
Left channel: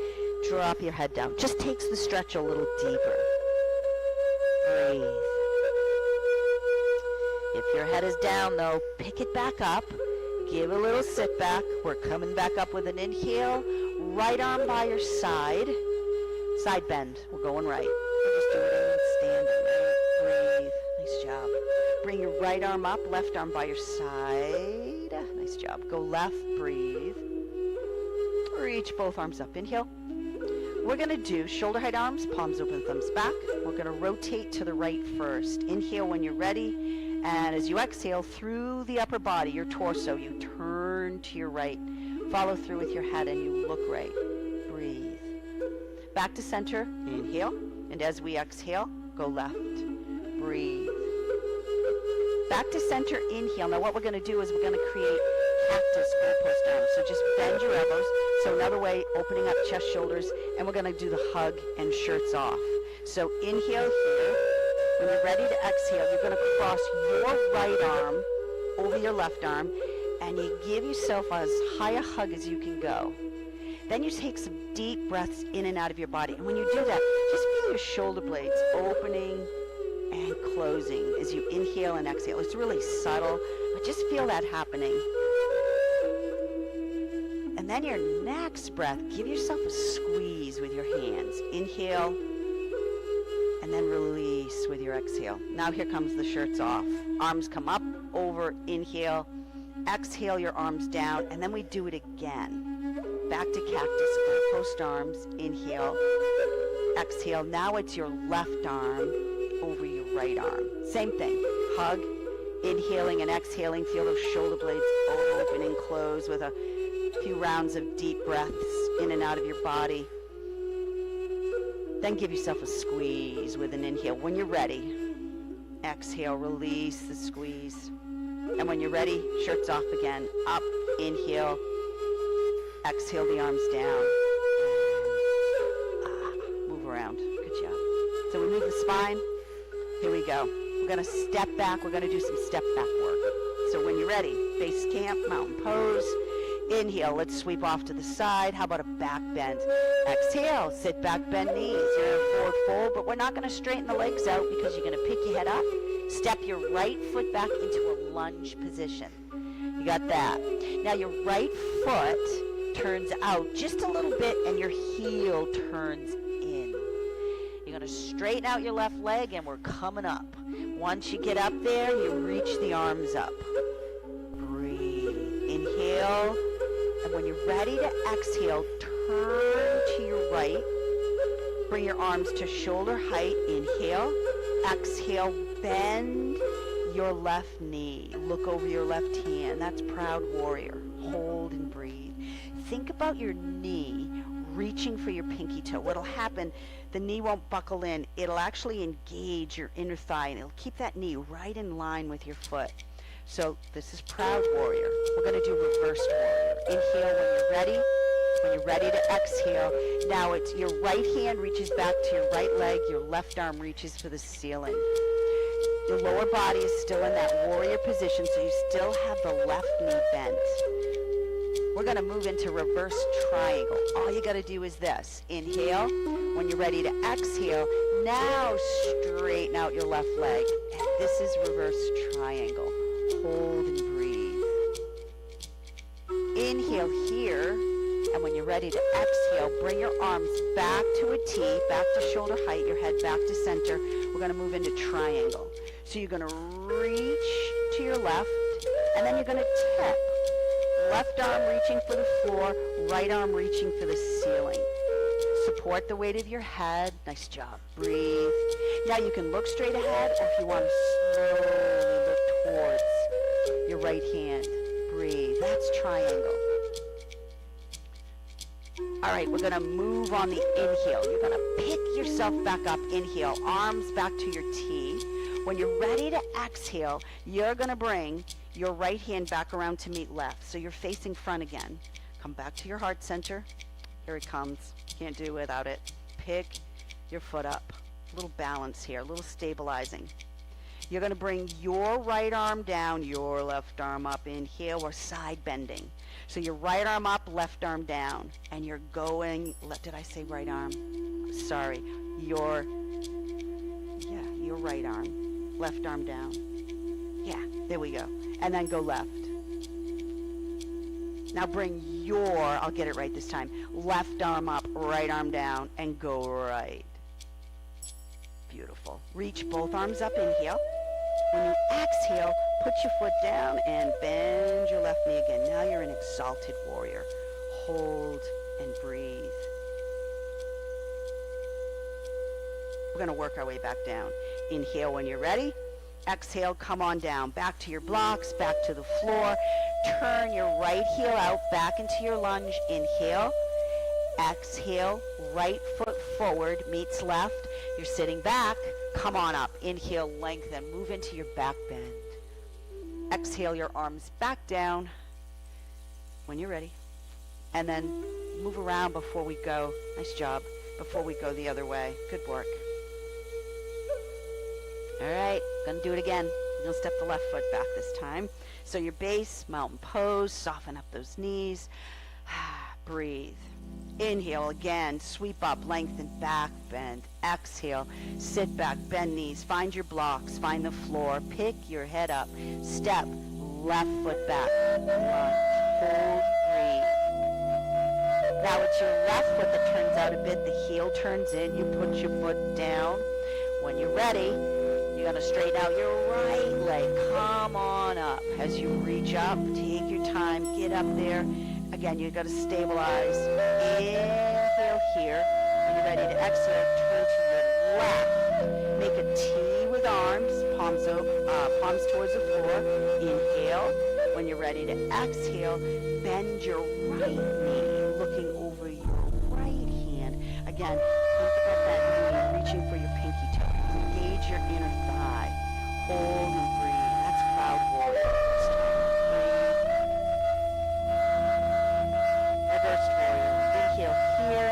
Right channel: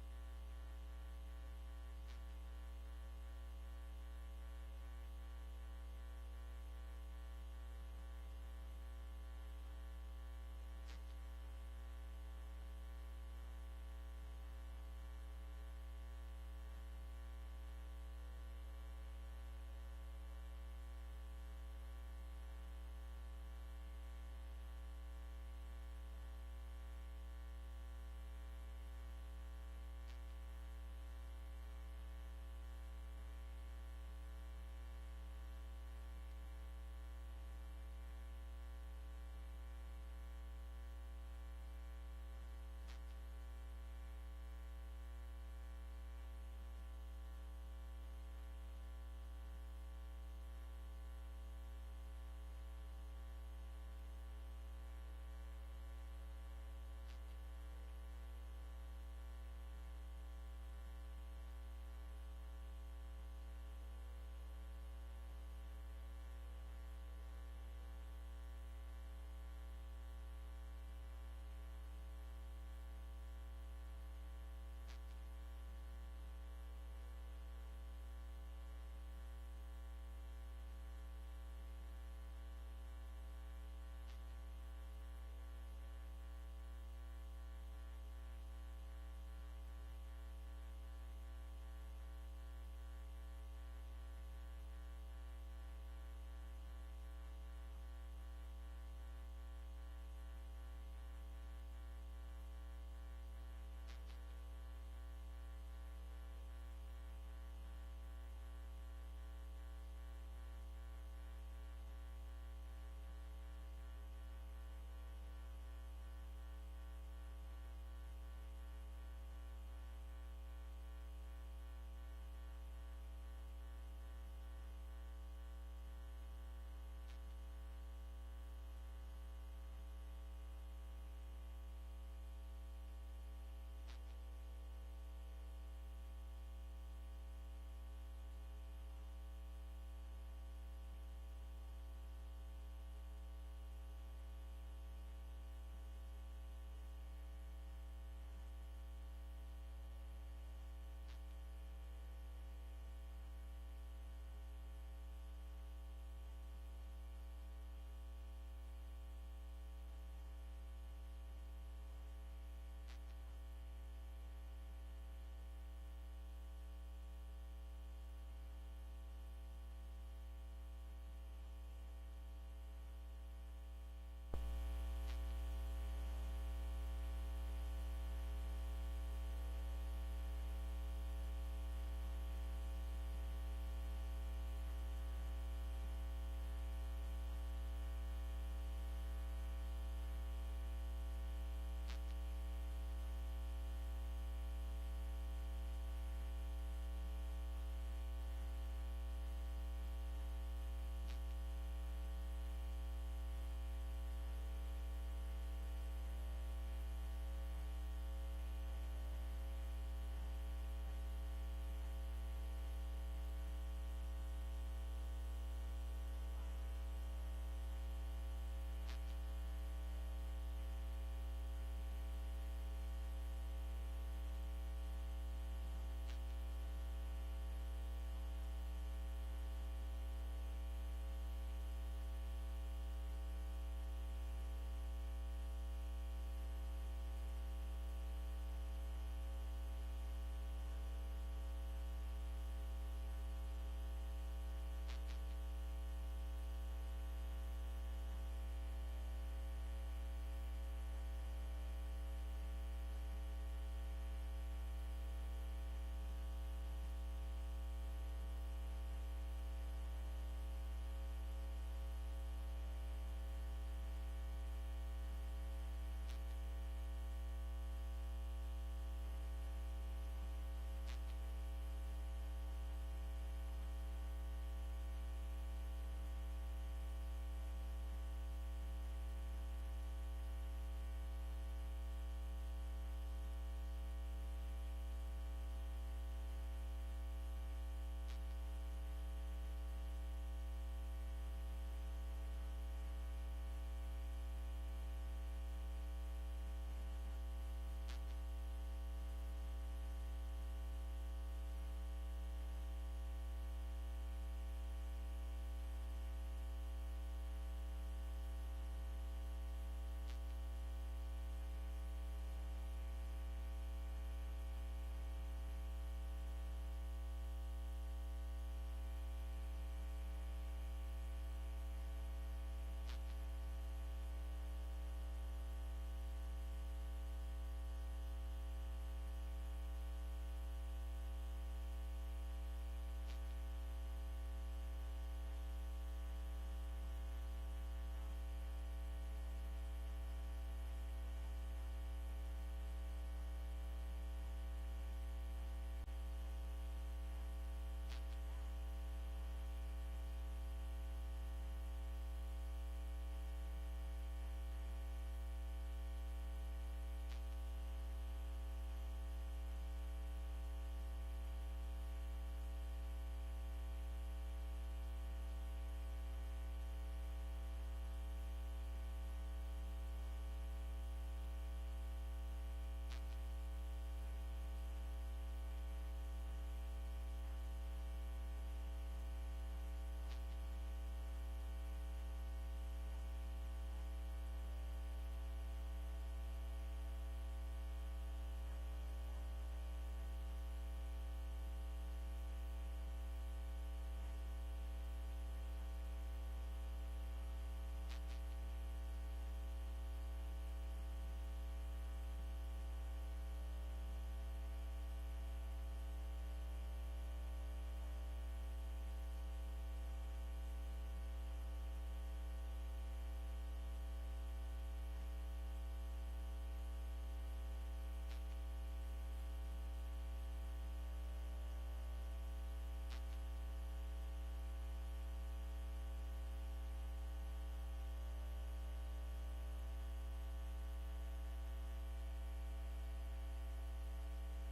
Drop your head down. Just takes the stretch a little deeper. Breathe. If your head is down, though, pick it back up. Give a little sit back. We're coming back up with an inhale. Right arm by your side. Side bend. We're going right. We're just doing it in standing. Breathe. Nice job. Bring your right arm up. Left arm by your side. Nice job. Go left. Breathe. Reach both arms up. Inhale. We're going to do shoulder height arms, palms open, thumbs back. We're going to rotate to the right first. Inhale when you're ready. And as you exhale through the upper body, your torso, you turn to your right. Follow through with your head and you look right. Breathe. Back to center. Inhale. And as we exhale, go left. Breathe. Back to center. Inhale. Now what we're going to do is we're going to create cactus goalpost arms. So just bend your elbows. So another way, opening up chest, shoulders, and we're going to do the hug and shirts off. So inhale here. When you're ready to exhale, you're going to cross your right arm over your left arm, and you give yourself as high a hug as you can go. Then you take some deep breaths in and out of your body. And when you do that, just feel your shoulder blades opening and closing as you inhale and exhale. It's really subtle, but just feel that happening. And then your next breath, give yourself a squeeze with your hands. Inhale, and then release with your exhale. Now here comes the shirts off. Arms come up, over, inhale. Exhale your arms down, and then we do it again. Back to cactus, post arms, inhale. Exhale, now it's your left arm over your right arm. Same thing, hug, inhaling and exhaling. Feel those shoulder blades open and close with a few rounds of deep breaths in and out of your body. Then give yourself a squeeze with an inhale. When you're ready, exhale, release the squeeze. And when you're ready, shirts off again. Up, inhale, exhale the arms down. Move around, good job. So we move the spine. Here we go. We're gonna step back. We're gonna do some step back work. So when you're ready, base camp, mountain pose. Inhale, let's sweep off to the side. How about a back bend? Exhale, sit back, bend knees. You're in a forward fold, but we're not gonna straighten the legs out because you're gonna pick your head up. Step your right foot back into a lunge position. You got that. Now your right foot turns out just a little bit and your heel turns in. You're going to straighten out your left leg and we're coming up. Once you get up there, you reach the arms up. Breathe. Inhale. And when you're ready to exhale, turn to your right. Bring your arms to shoulder height. Inhale. Exhale. Bend your left knee. Look over your left hand. That's proud warrior. Hold and breathe. Think about your knee reaching for your pinky toe. What'll happen, the knee won't buckle in. It'll actually engage your inner thigh and it'll keep that knee right in line with your foot. So this is proud warrior. We're going to do reversed warrior. Inhale when you're ready. When you're ready to exhale, now it's your right hand reaches back to your right leg. Your left arm reaches for the ceiling. Your lower body is still in that warrior position, so you still have the left knee bent. We're going to move into reverse triangle. All you got to do is this. Inhale. When you're ready to exhale, now straighten out your left leg. And this is reverse triangle. Hold and breathe. Inhale here. And when you're ready to exhale, bring your arms back to a T, back to shoulder height, your head back to center. We're going to move into triangle. So you're going to reach to your left, and then you're going to tip. Left arm reaching for the floor, right arm reaching for the ceiling. Support the weight of your head. Nice job. Breathe. Now you can look straight ahead, or if you want to slowly look towards your right hand. Breathe. That's triangle. All right, we're going to move on the inhale. You're going to pick yourself back up. Inhale, arms back to your T. When you're ready to exhale, you're going to bring your right hand back around to meet left. So you're facing front again. Come back to your heart center. Here it comes. Can't do without it. Pick your foot up. A little balance here, a little stabilizing. You're going to bring your right arm down, your left arm up. Inhale, we're side bending. So your right arm up, left arm down. And you're going, did I say right arm? Sorry. Your right arm. Left arm down. Yeah, there we go. And then go left. Now bring your, I'll get it right this time, left arm up, right arm down, and go right. Beautiful. Reach both arms up, inhale. When you exhale, put your foot down and bend your left knee again. Now you're an exalted warrior. Hold and breathe. We're going to work our way back down. Inhale when you're ready. Exhale, come on down. Back to your blocks, back to the floor. Turn your right heel out, back into your lunge. Inhale. Exhale, right foot forward meets left. You're sitting back. Come on up. Inhale, lengthen. Move into your back bend. Exhale your arms back down when you're ready. And then move around before we go. Nice job. Before we go the other way. Good work. All right, gonna do it again. You'll step the left foot back this time. So your base, mountain pose, soften up those knees. Breathe. Inhale again, sweep up, lengthen, back bend. Exhale, sit back, bend knees, find your blocks, find the floor, pick your head up, step, left foot back, lunge, hold, breathe. Now it's your left foot that turns out a bit, the heel turns in, you put your foot down. When you're ready, you're gonna straighten out your right leg, come on up. As you reach up, take your time, get up there. Again, you're gonna stabilize. Inhale here. When you're ready to exhale, turn to your left. Make a T with arms, palms towards the floor. Inhale. When you're ready to exhale, bend your right knee, looking over your right hand. Again, think about that knee, reaching for your pinky toe. Engage your inner thigh. Hold and breathe. That's Cloud Warrior. Reverse warrior. Inhale here.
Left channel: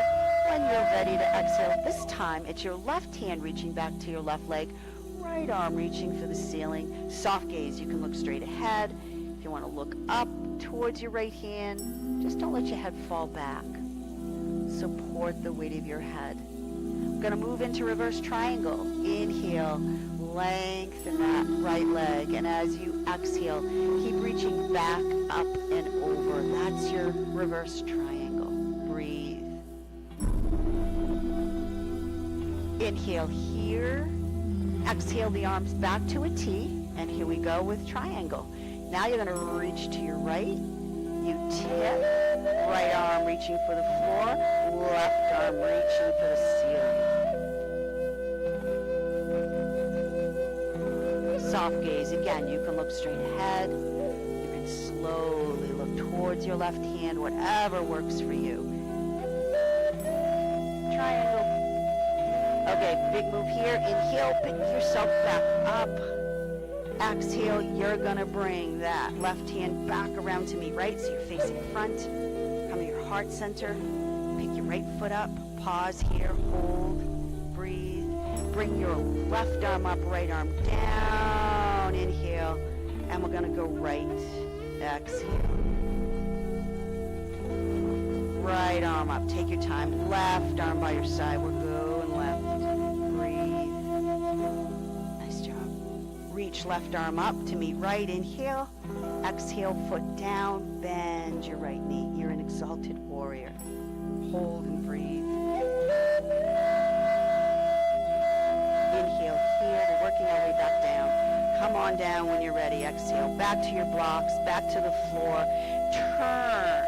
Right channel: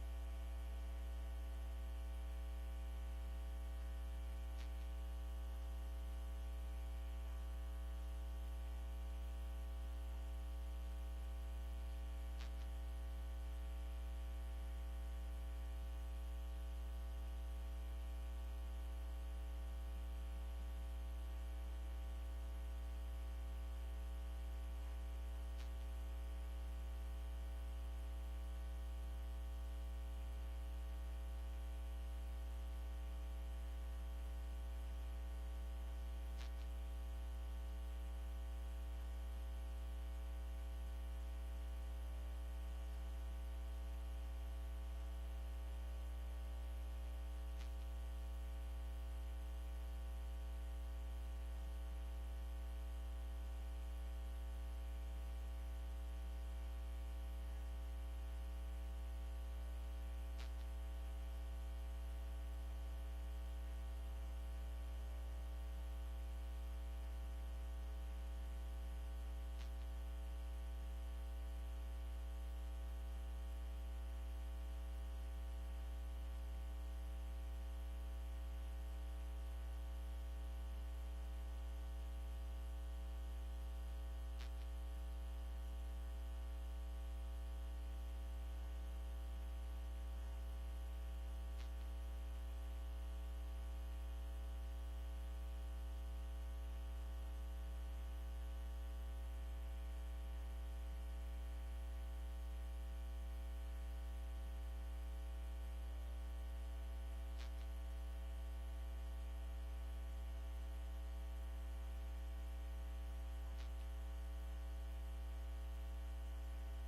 When you're ready to exhale, this time it's your left hand reaching back to your left leg, right arm reaching for the ceiling. Soft gaze. You can look straight ahead. If you want to look up towards your right hand, just don't let your head fall back. Support the weight of your head. We're going to move into reverse triangle. Inhale, lengthen that right leg, and as you exhale, keep reaching back, up, and over. That's your reverse triangle. Breathe. Inhale here. Exhale the arms back to a T, and here we go with triangle. Now you're going to reach to your right. You tip, right arm reaching for the floor, left arm reaching for the ceiling. Soft gaze. Again, you can look straight ahead. You can slowly look towards your left hand, whatever works for you. Triangle. Okay, big move here. Inhale, pick yourself back up. Exhale, you're gonna bring that left hand back around to meet right, so you're facing front. Come to your heart center. Pick your right foot up. Pause here. Hold. Breathe. Bring your left arm up, right arm down. Inhale. And we're gonna go right. Exhale. Right arm up. Take your time. Left arm by your side. We're going left. Breathe. Nice job. Reach left arm up to meet right. Inhale. Exhale, foot down. Bend your right knee. You're an exalted warrior. Hold and breathe. Inhale here. We're working our way back down. Come on down when you're ready. Exhale. Back to your blocks. Back to the floor. Turn.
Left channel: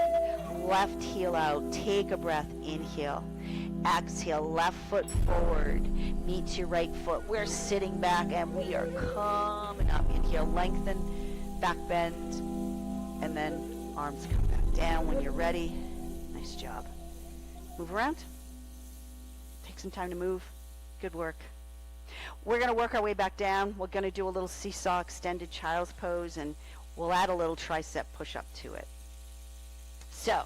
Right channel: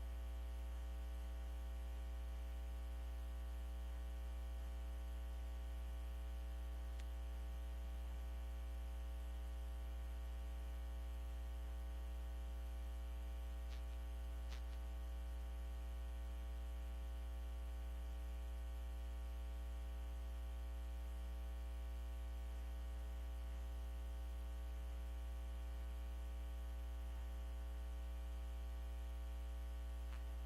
Left heel out. Take a breath. Inhale. Exhale. Left foot forward. Meets your right foot. We're sitting back and we are coming up. Inhale. Lengthen. Back bend. And then arms come back down when you're ready. Nice job. Move around. Take some time to move. Good work. We're going to work our way back down. We're going to do a little seesaw extended child's pose, and we'll add a little tricep push-up to it. So,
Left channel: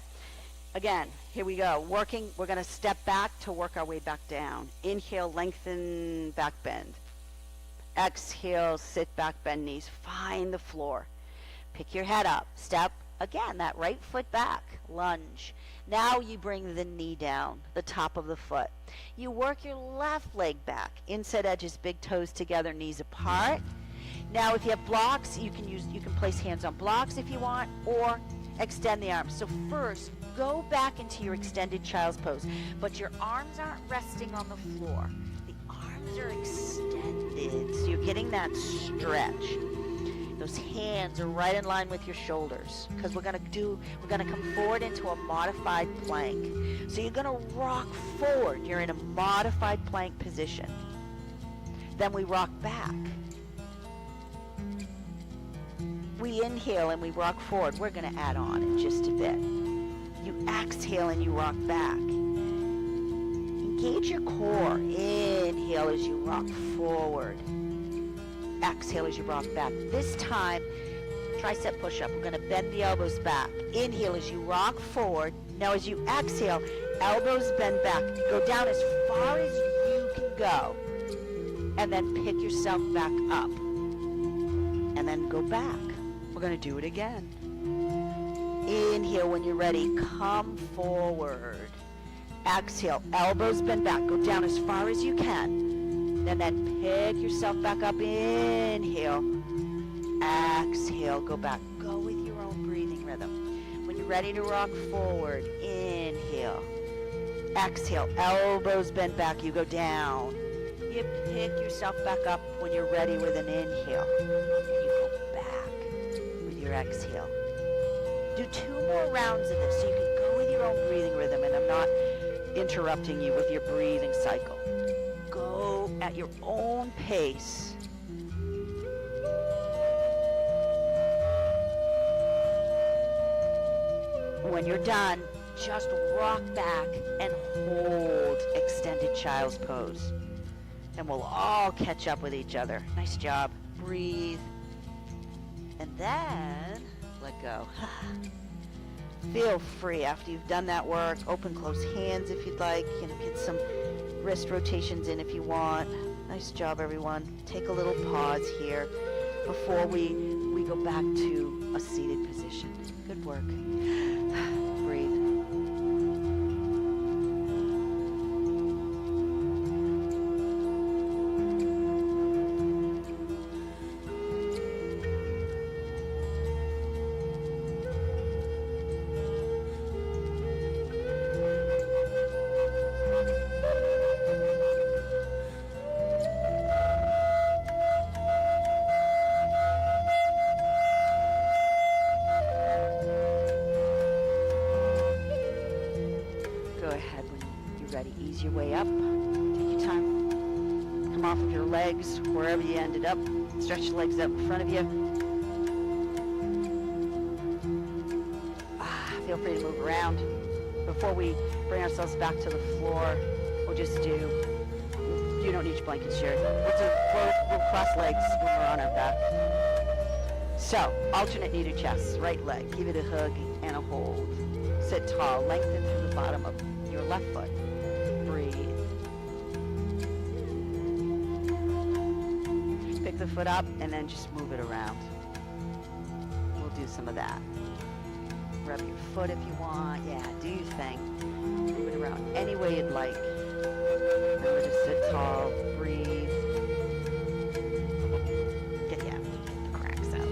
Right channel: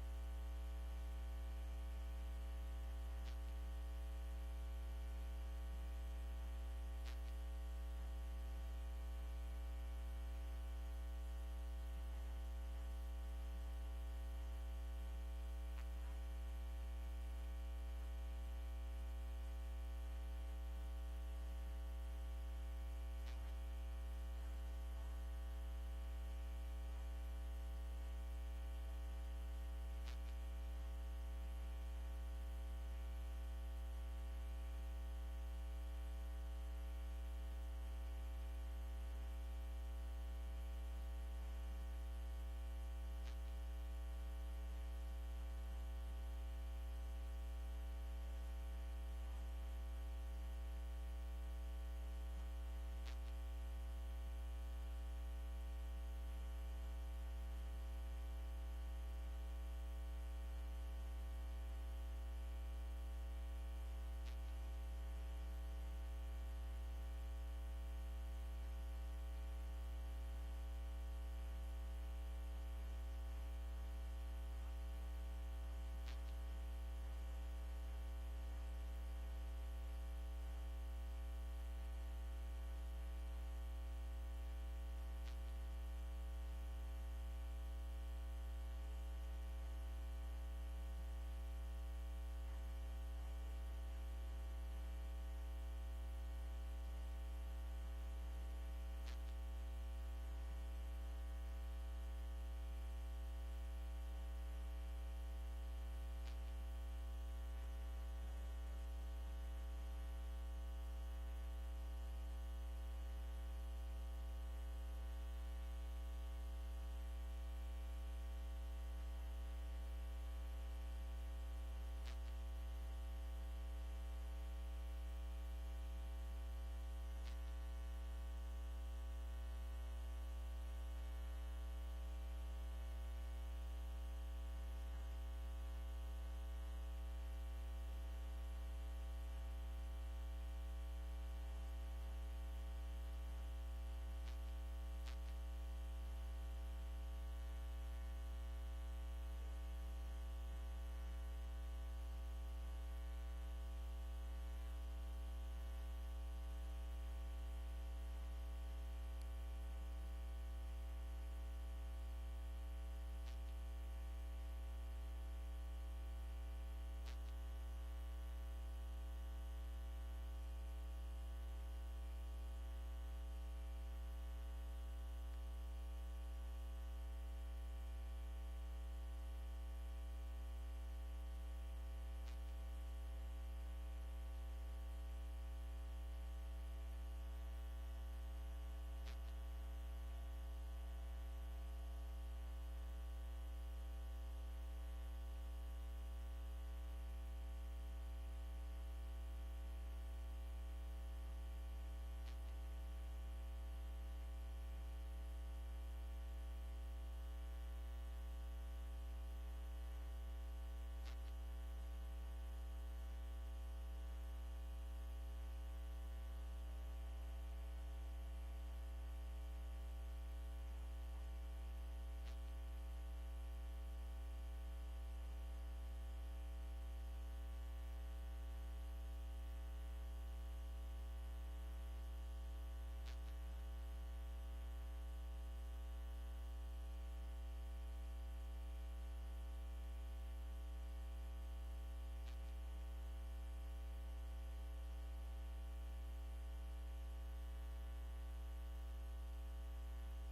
again, here we go. Working, we're going to step back to work our way back down. Inhale, lengthen, back bend. Exhale, sit back, bend knees. Find the floor. Pick your head up. Step, again, that right foot back. Lunge. Now you bring the knee down, the top of the foot. You work your left leg back. Inside edges, big toes together, knees apart. Now if you have blocks, you can place hands on blocks if you want, or extend the arms. So first, go back into your extended child's pose, but your arms aren't resting on the floor. The arms are extended, so you're getting that stretch. Those hands are right in line with your shoulders, because we're gonna come forward into a modified plank. So you're gonna rock forward. You're in a modified plank position. Then we rock back. We inhale and we rock forward. We're gonna add on in just a bit. You exhale and you rock back. Engage your core. Inhale as you rock forward. Exhale as you rock back. This time, tricep push-up. We're going to bend the elbows back. Inhale as you rock forward. Now as you exhale, elbows bend back. Go down as far as you can go. And then pick yourself back up. And then go back. We're going to do it again. Inhale when you're ready. Come forward. Exhale, elbows bend back. Go down as far as you can. And then pick yourself back up. Inhale. Exhale, go back. Go with your own breathing rhythm. When you're ready to rock forward, inhale. Exhale, elbows bend back. You go down. You pick yourself back up when you're ready with an inhale. And you go back with your exhale. Do 2 more rounds of this so you can go with your own breathing rhythm, and I'm not interrupting you with your breathing cycle. Go at your own pace. When you're done, just rock back and hold extended child's pose. And we'll all catch up with each other. Nice job. Breathe. And then let go. Feel free after you've done that work. Open, close hands if you'd like. Get some wrist rotations in if you want. Nice job, everyone. Take a little pause here before we go back to a seated position. Good work. Breathe. Ease your way up. Take your time. Come off of your legs wherever you ended up. Stretch your legs out in front of you. Feel free to move around. Before we bring ourselves back to the floor, we'll just do, you don't need your blanket shirt. We'll cross legs when we're on our back. So, alternate knee to chest, right leg. Give it a hug and a hold. Sit tall, lengthen through the bottom of your left foot. Breathe. Pick the foot up and then just move it around. We'll do some of that. Rub your foot if you want. Yeah, do your thing. Move it around any way you'd like. Remember to sit tall. Breathe. Get the cracks out.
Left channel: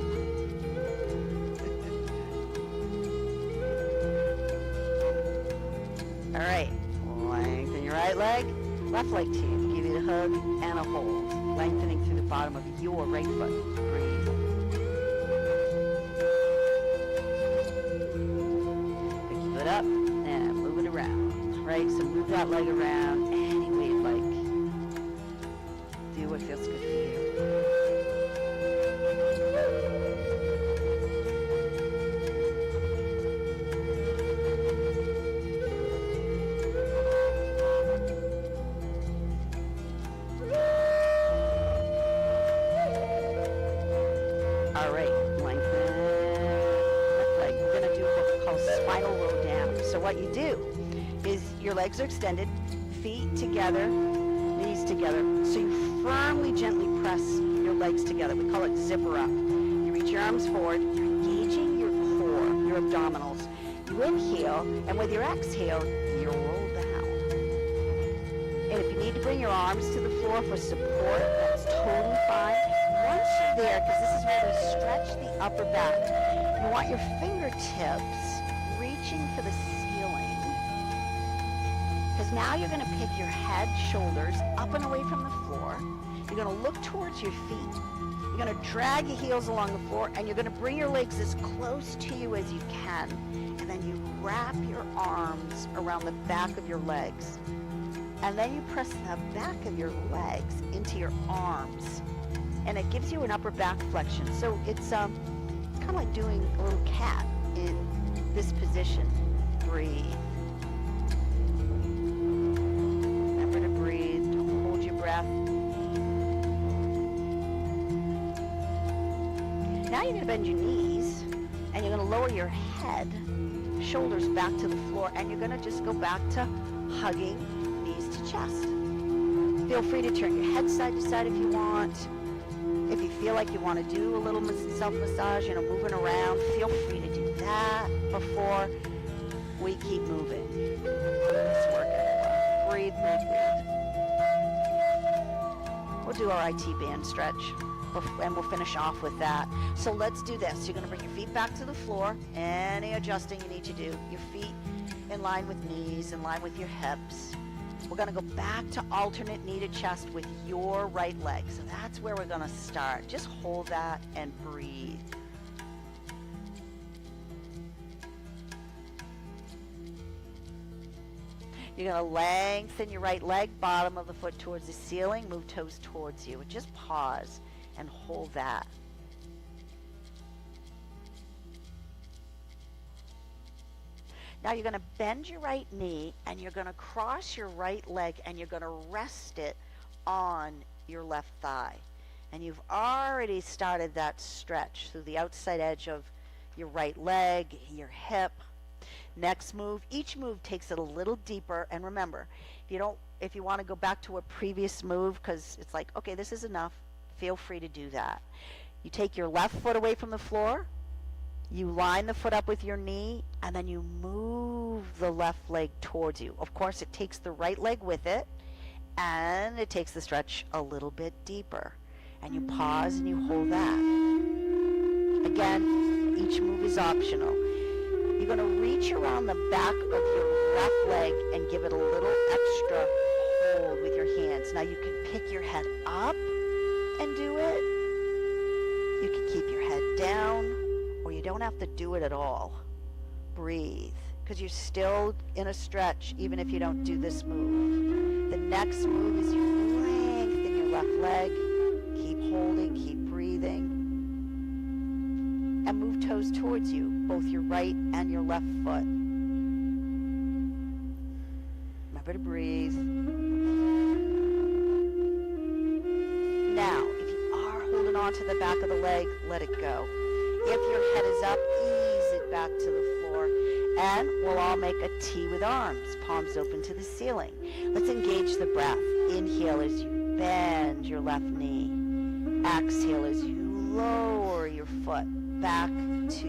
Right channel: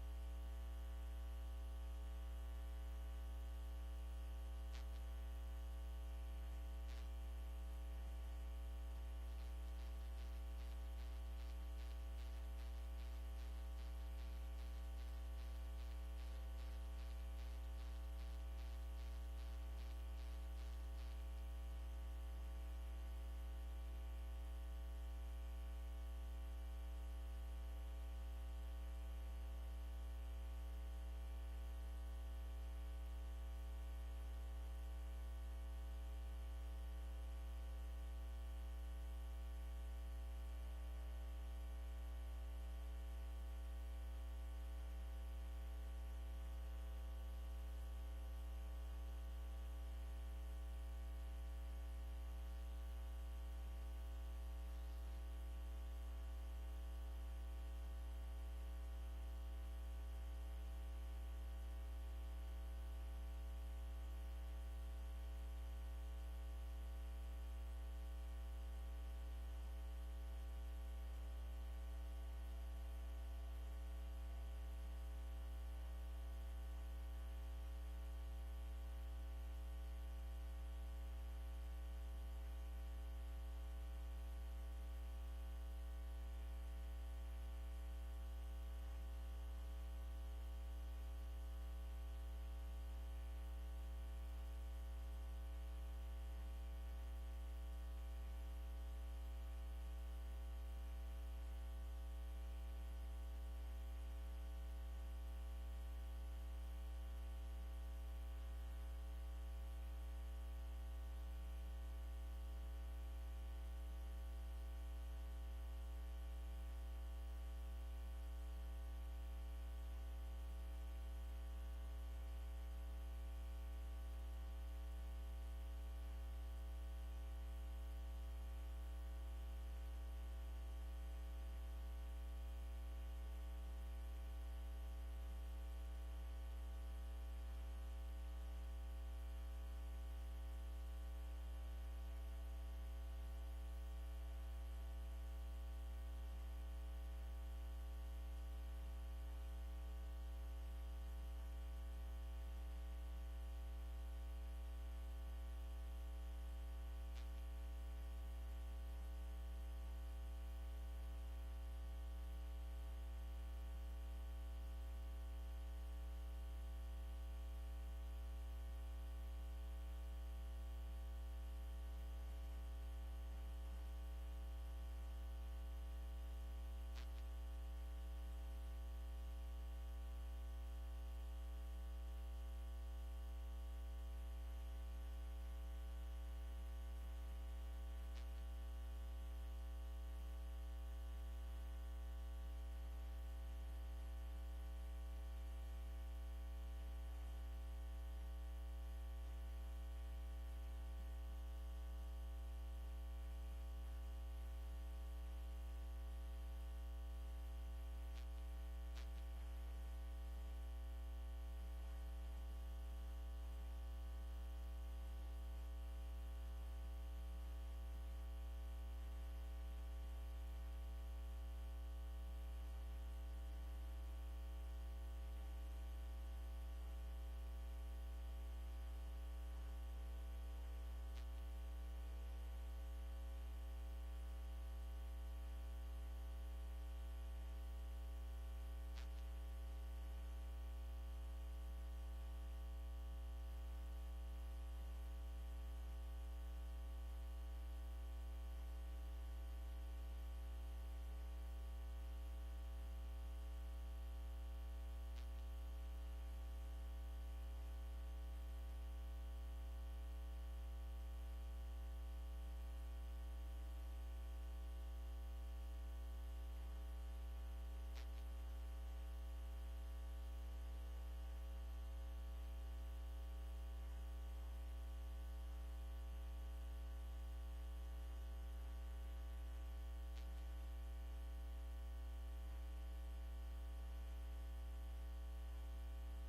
All right. Lengthen your right leg. Left leg too. Give it a hug and a hold. Lengthening through the bottom of your right foot. Breathe. Pick your foot up and move it around. Right? So move that leg around any way you'd like. Do what feels good for you. All right, lengthen left leg. We're going to do what we call spinal roll down. So what you do is your legs are extended, feet together, knees together. So you firmly, gently press your legs together. We call it zipper up. You reach your arms forward. You're engaging your core, your abdominals. You inhale, and with your exhale, you roll down. And if you need to bring your arms to the floor for support, that's totally fine. Once you're there, because this is where we stretch the upper back, you want your fingertips reaching for the ceiling. Because now you're going to pick your head, shoulders up and away from the floor. You're going to look towards your feet. You're going to drag your heels along the floor, and you're going to bring your legs as close to you as you can. And then you wrap your arms around the back of your legs. And then you press the back of your legs into your arms. And it gives you an upper back flexion. So it's kind of like doing a little cat in this position. Breathe. Remember to breathe. Don't hold your breath. Now you're going to bend your knees, and you're going to lower your head, shoulders back to the floor, and you're going to just go back to hugging knees to chest. Feel free to turn your head side to side if you want. If you feel like you want to do a little self-massage, moving around, feel free to do that before we keep moving. Let's work it. do our IT band stretch, and we'll finish off with that. So let's do this. You're going to bring your feet back to the floor. Any adjusting you need to do. Your feet in line with knees, in line with your hips. We're going to go back to alternate knee to chest with your right leg. So that's where we're going to start. Just hold that and breathe. You're going to lengthen your right leg, bottom of the foot towards the ceiling, move toes towards you. Just pause and hold that. Now you're going to bend your right knee and you're going to cross your right leg and you're going to rest it on your left thigh. And you've already started that stretch through the outside edge of your right leg, your hip. Next move, each move takes it a little deeper, and remember, if you want to go back to a previous move because it's like, okay, this is enough, feel free to do that. You take your left foot away from the floor, you line the foot up with your knee, and then you move the left leg towards you. Of course, it takes the right leg with it, and it takes the stretch a little bit deeper. And you pause and you hold that. Again, each move is optional. You're going to reach around the back of your left leg and give it a little extra hold with your hands. Now you can pick your head up and do it. You can keep your head down, or you don't have to do it at all. Breathe, because you're still in a stretch even if you don't do this move. The next move is you lengthen your left leg. Keep holding, keep breathing. And move toes towards you, both your right and your left foot. Remember to breathe. Now, if you are holding on to the back of the leg, let it go. If your head is up, ease it back to the floor. And we'll all make a T with arms, palms open to the ceiling. Let's engage the breath. Inhale as you bend your left knee. Exhale as you lower your foot back to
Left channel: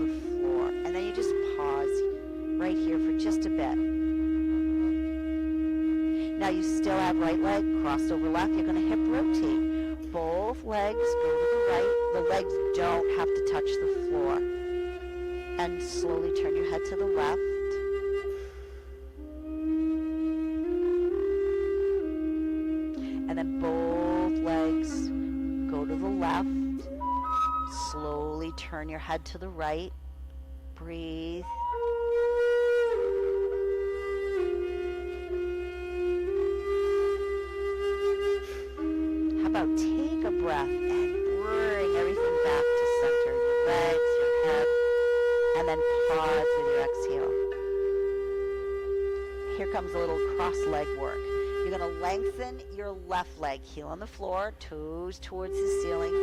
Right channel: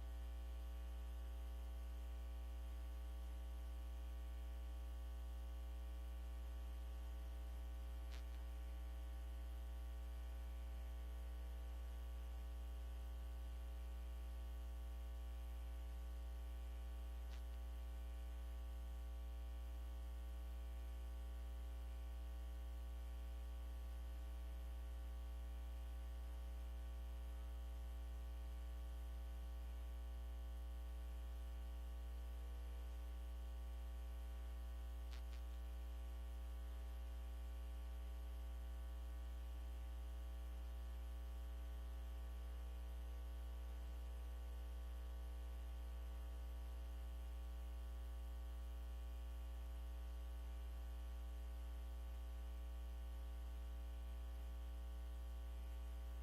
the floor. And then you just pause right here for just a bit. Now you still have right leg crossed over left. You're going to hip rotate. Both legs go to the right. The legs don't have to touch the floor. And slowly turn your head to the left. And then both legs go to the left. Slowly turn your head to the right. Breathe. How about take a breath and bring everything back to center. Your legs, your head, and then pause with your exhale. Here comes a little cross leg work. You're going to lengthen your left leg, heel on the floor, toes towards the ceiling.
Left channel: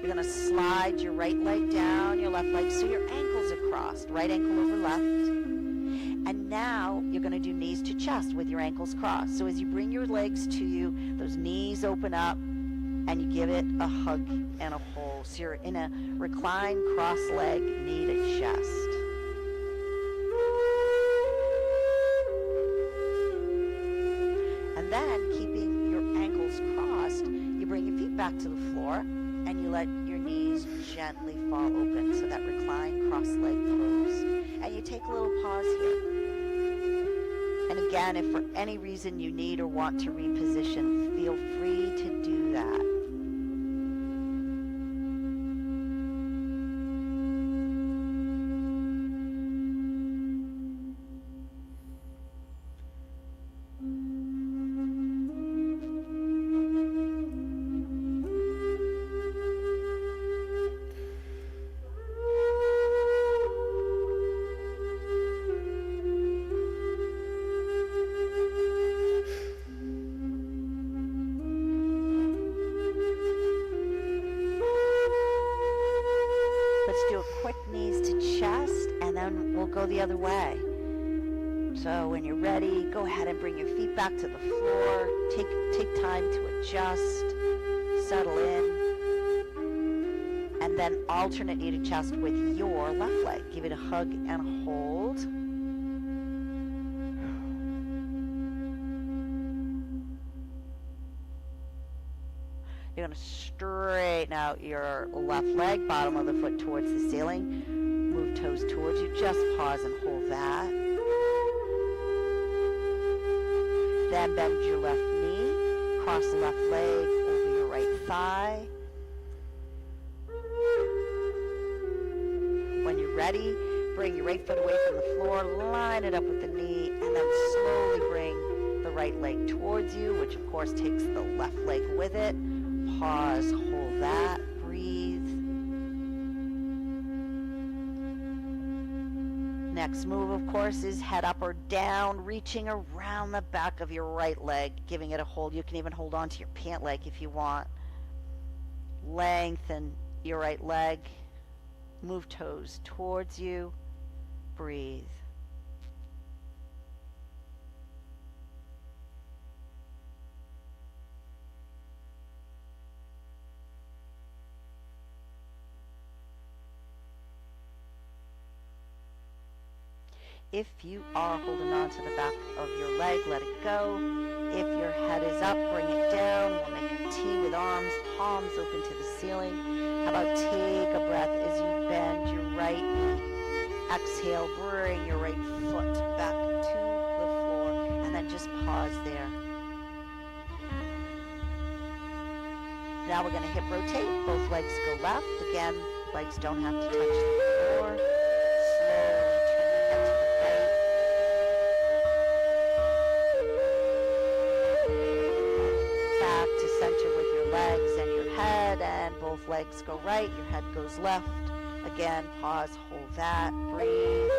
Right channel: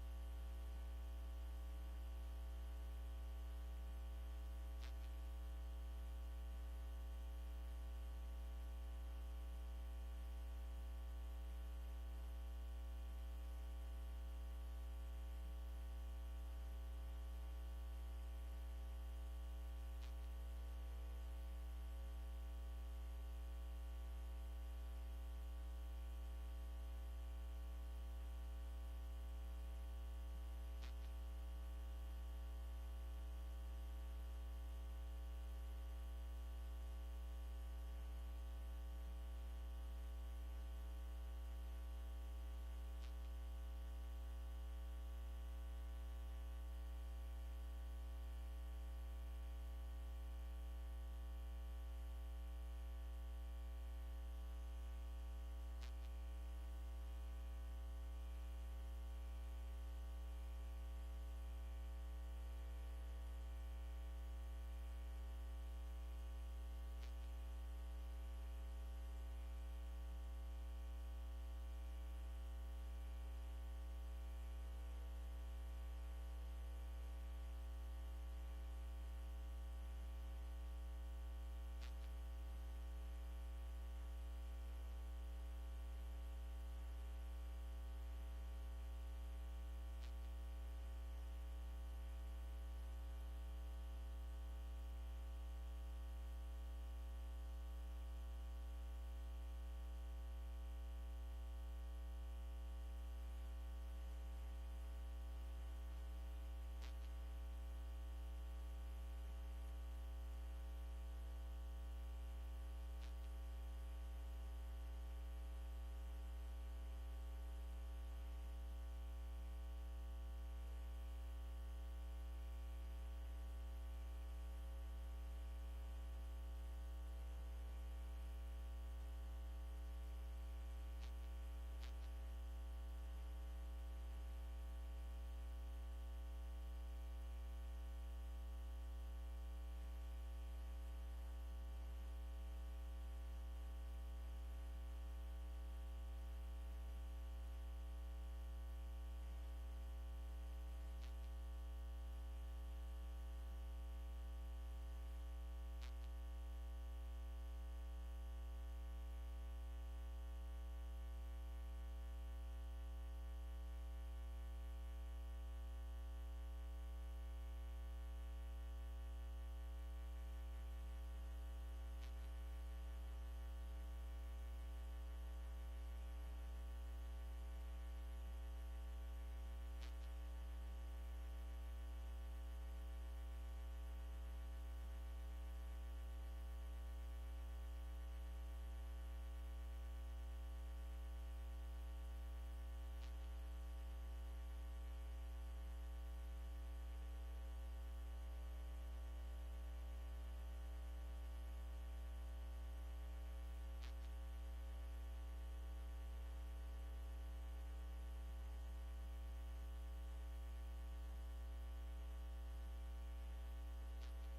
You're going to slide your right leg down, your left leg, so your ankles are crossed. Right ankle over left. And now you're going to do knees to chest with your ankles crossed. So as you bring your legs to you, those knees open up, and you give it a hug and a hold. So you're in a reclined cross leg, knee to chest. And then, keeping your ankles crossed, you bring your feet back to the floor, and you let your knees gently fall open, so that reclined cross-leg pose. And you take a little pause here. And again, if for any reason you need or want to reposition, feel free to do that. Do a quick knees to chest, and then we'll go the other way. So when you're ready, go ahead and bring your feet back to the floor. Take time to adjust, settle in, and then alternate knee to chest with your left leg. Give it a hug and a hold. You're going to straighten out your left leg, bottom of the foot towards the ceiling. Move toes towards you. Just pause and hold that. Then bend your left knee. Cross the left leg over your right thigh. When you're ready, bring your right foot away from the floor. Line it up with the knee. And then slowly bring the right leg towards you, which of course takes the left leg with it. Pause, hold that, breathe. Next move, of course, is head up or down, reaching around the back of your right leg, giving it a hold. You can even hold on to your pant leg if you want. Lengthen your right leg. Move toes towards you. Breathe. If you are holding on to the back of your leg, let it go. If your head is up, bring it down. We'll make a T with arms, palms open to the ceiling. How about take a breath as you bend your right knee. Exhale, bring your right foot back to the floor, and then just pause there. Now we're going to hip rotate. Both legs go left. Again, legs don't have to touch the floor. Legs go right, your head goes left. Again, pause, hold that, breathe.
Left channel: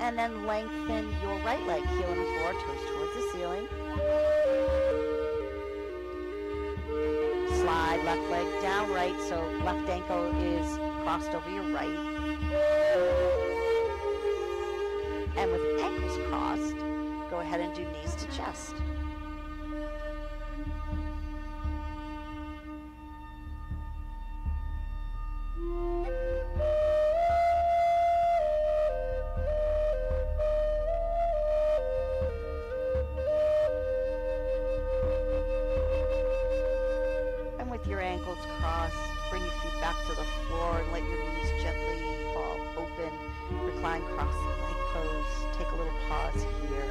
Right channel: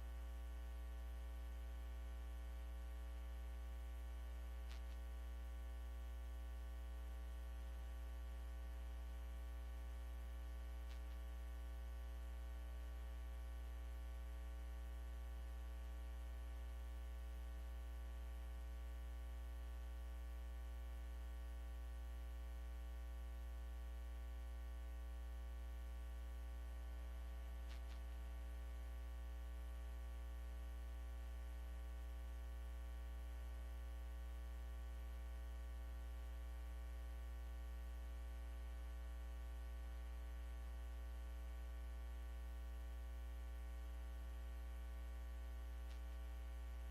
And then lengthen your right leg, heel on the floor, toes towards the ceiling. Slide left leg down right, so left ankle is crossed over your right. And with ankles crossed, go ahead and do knees to chest. Your ankles crossed, bring your feet back to the floor and let your knees gently fall open. Recline cross leg pose. Take a little pause here.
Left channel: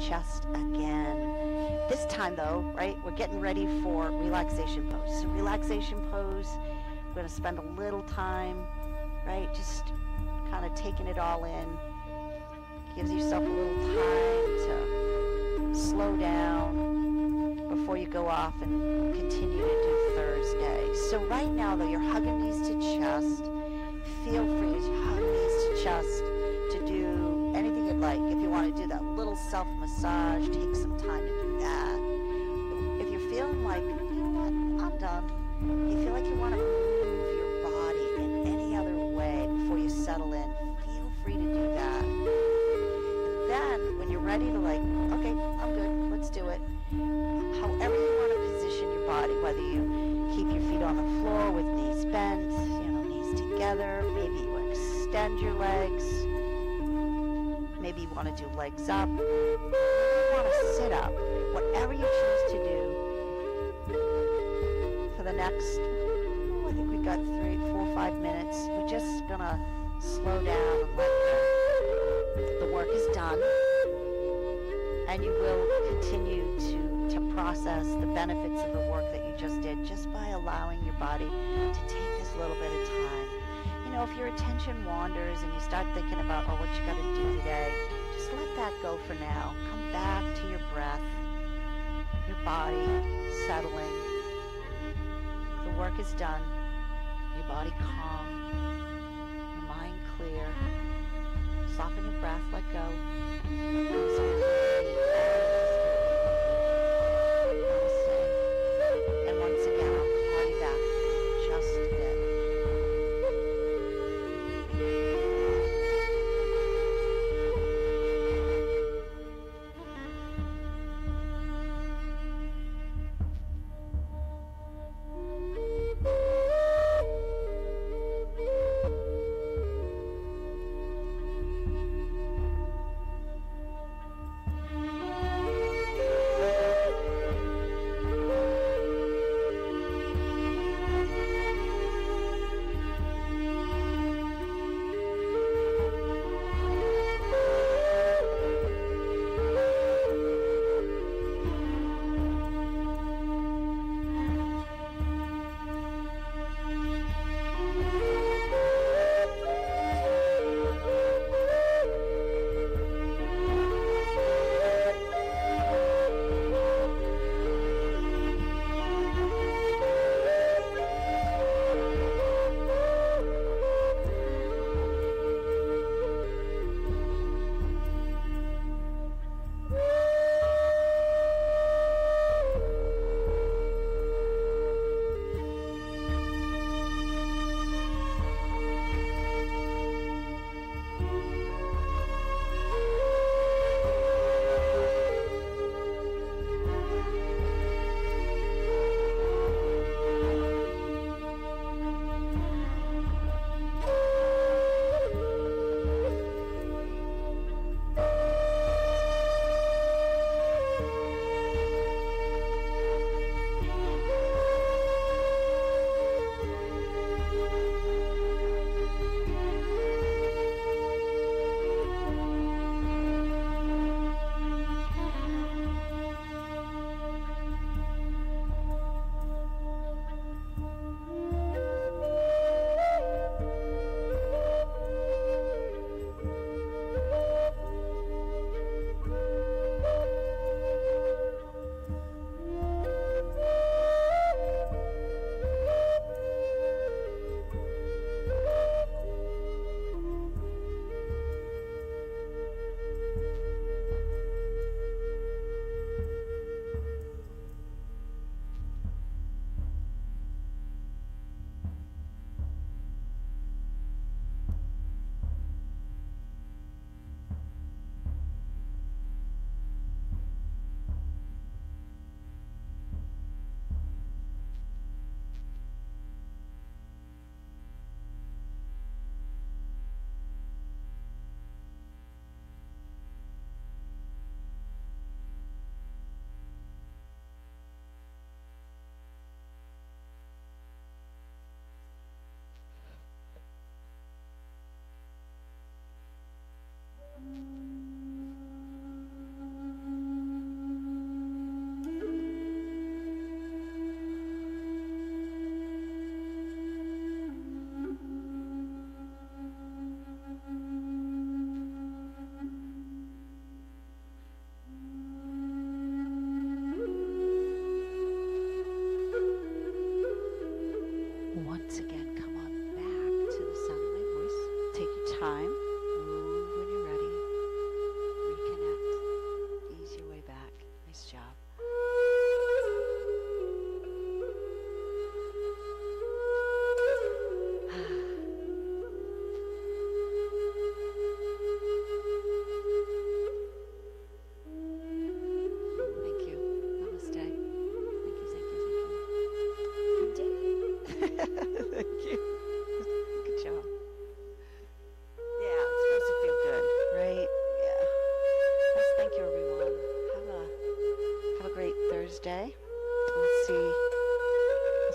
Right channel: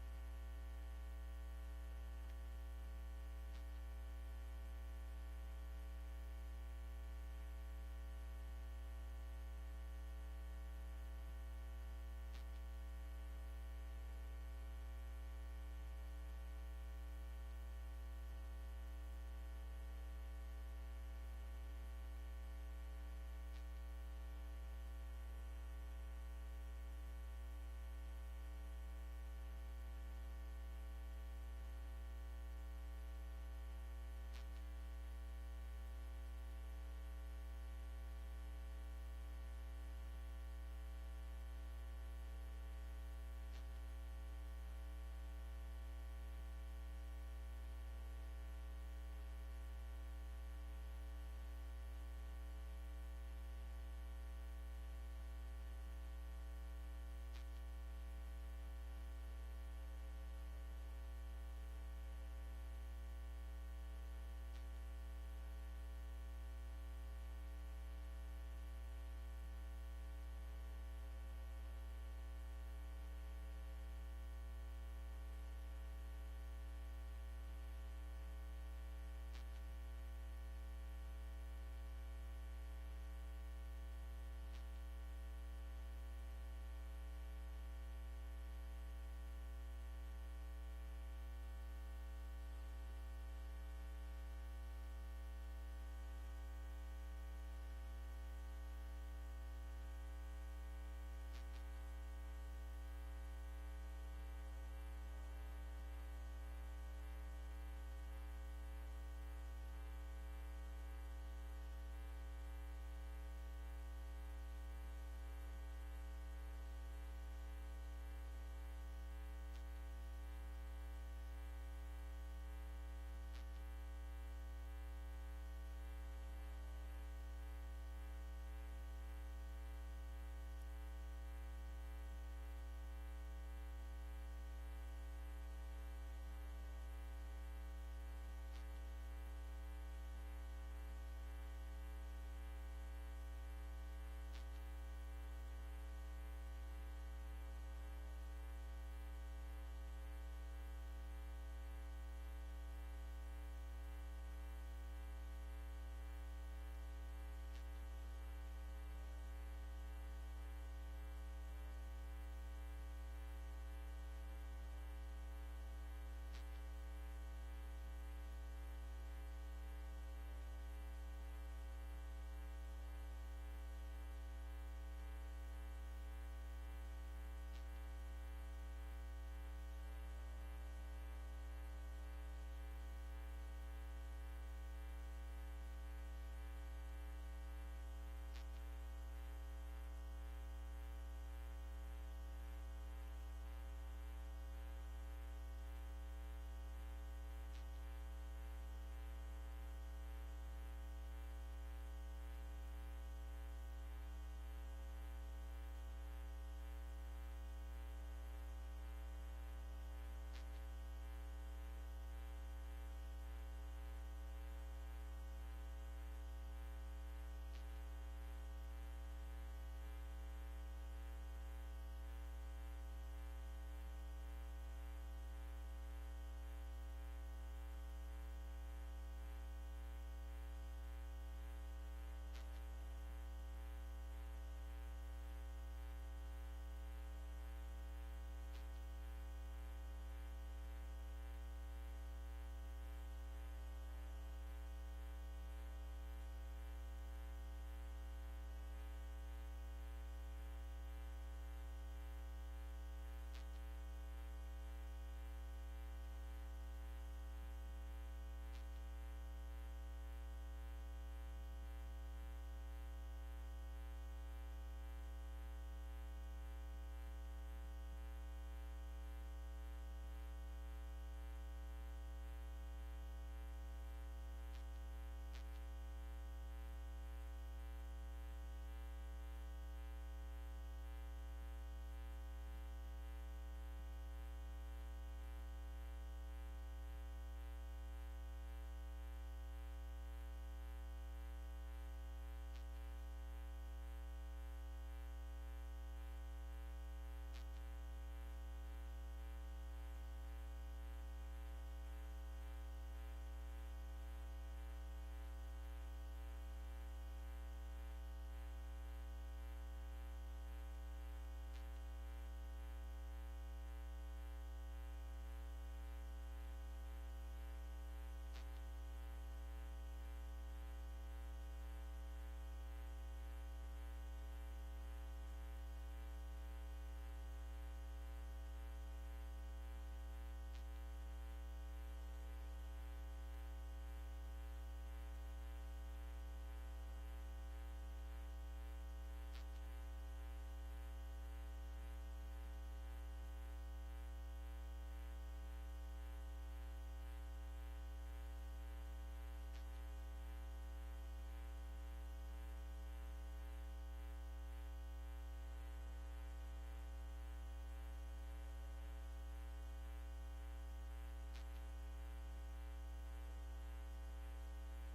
Chest again. This time though, right, we're getting ready for relaxation pose. So relaxation pose, we're going to spend a little time, right, just kind of taking it all in. Gives yourself a little time to slow down before you go off and continue to do Thursday. So right now though, you're hugging knees to chest. Feel free to hug knees to chest to do anything you'd like. If you want to do that little self-massage, take some time to do that. If you're feeling like, you know what, I'm done. You feel like you want to move your body in any other way before you settle in, feel free to do that. And then, when you're ready to like, okay, I'm good, let's do it. However you want to position your body, whether you keep your feet on the floor with knees bent, knees together, maybe you extend your legs. Maybe you want to do legs up. Maybe you want to sit up. Whatever you choose to do for the next, I think we got 3, 4, 5 minutes. We're just going to slow down and let the work is done. And And you will continue to process the benefits of the work that you just did just by allowing your body to take this little bit of time. You know, if your attention wanders and you start thinking about, what you got to do today, just let that go for now. Come back to your breath, your body settling. The work is done. Your body calm, your mind clear. Soften your breath, let go. And once again, I'll call you back just a bit.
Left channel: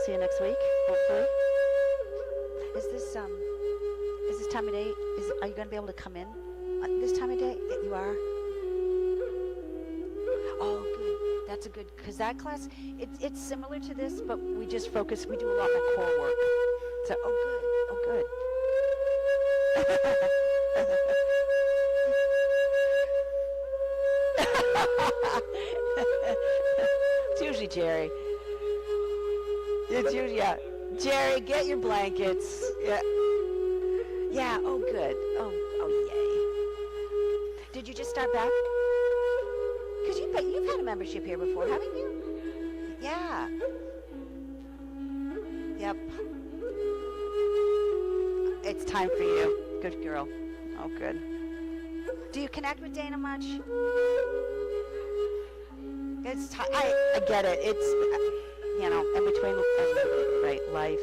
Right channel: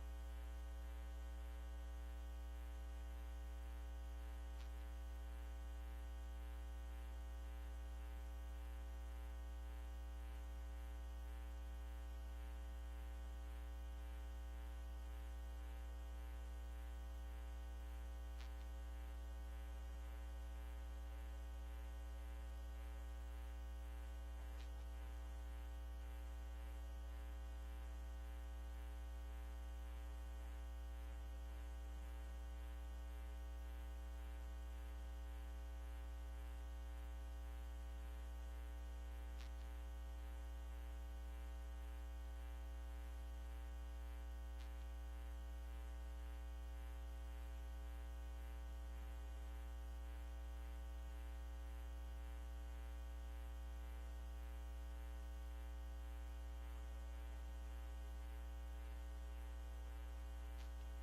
See you next week, hopefully. Is this time of day, are you going to be able to come in this time of day? You are? Oh, good. That's a good, because that class, it's similar to this, but we just focus, we do a lot more core work. So, oh, good. Oh, good. It's usually Jerry. It's usually, yeah. Jerry, get your blankets. Yeah. Yeah, oh, good. Oh, yay. Did you just start back? Because you've had a membership here before, haven't you? Yeah. Yep. It's time for you. Good girl. Oh, good. Do you connect with Dana much? It's I get it. It's, in between, right, life.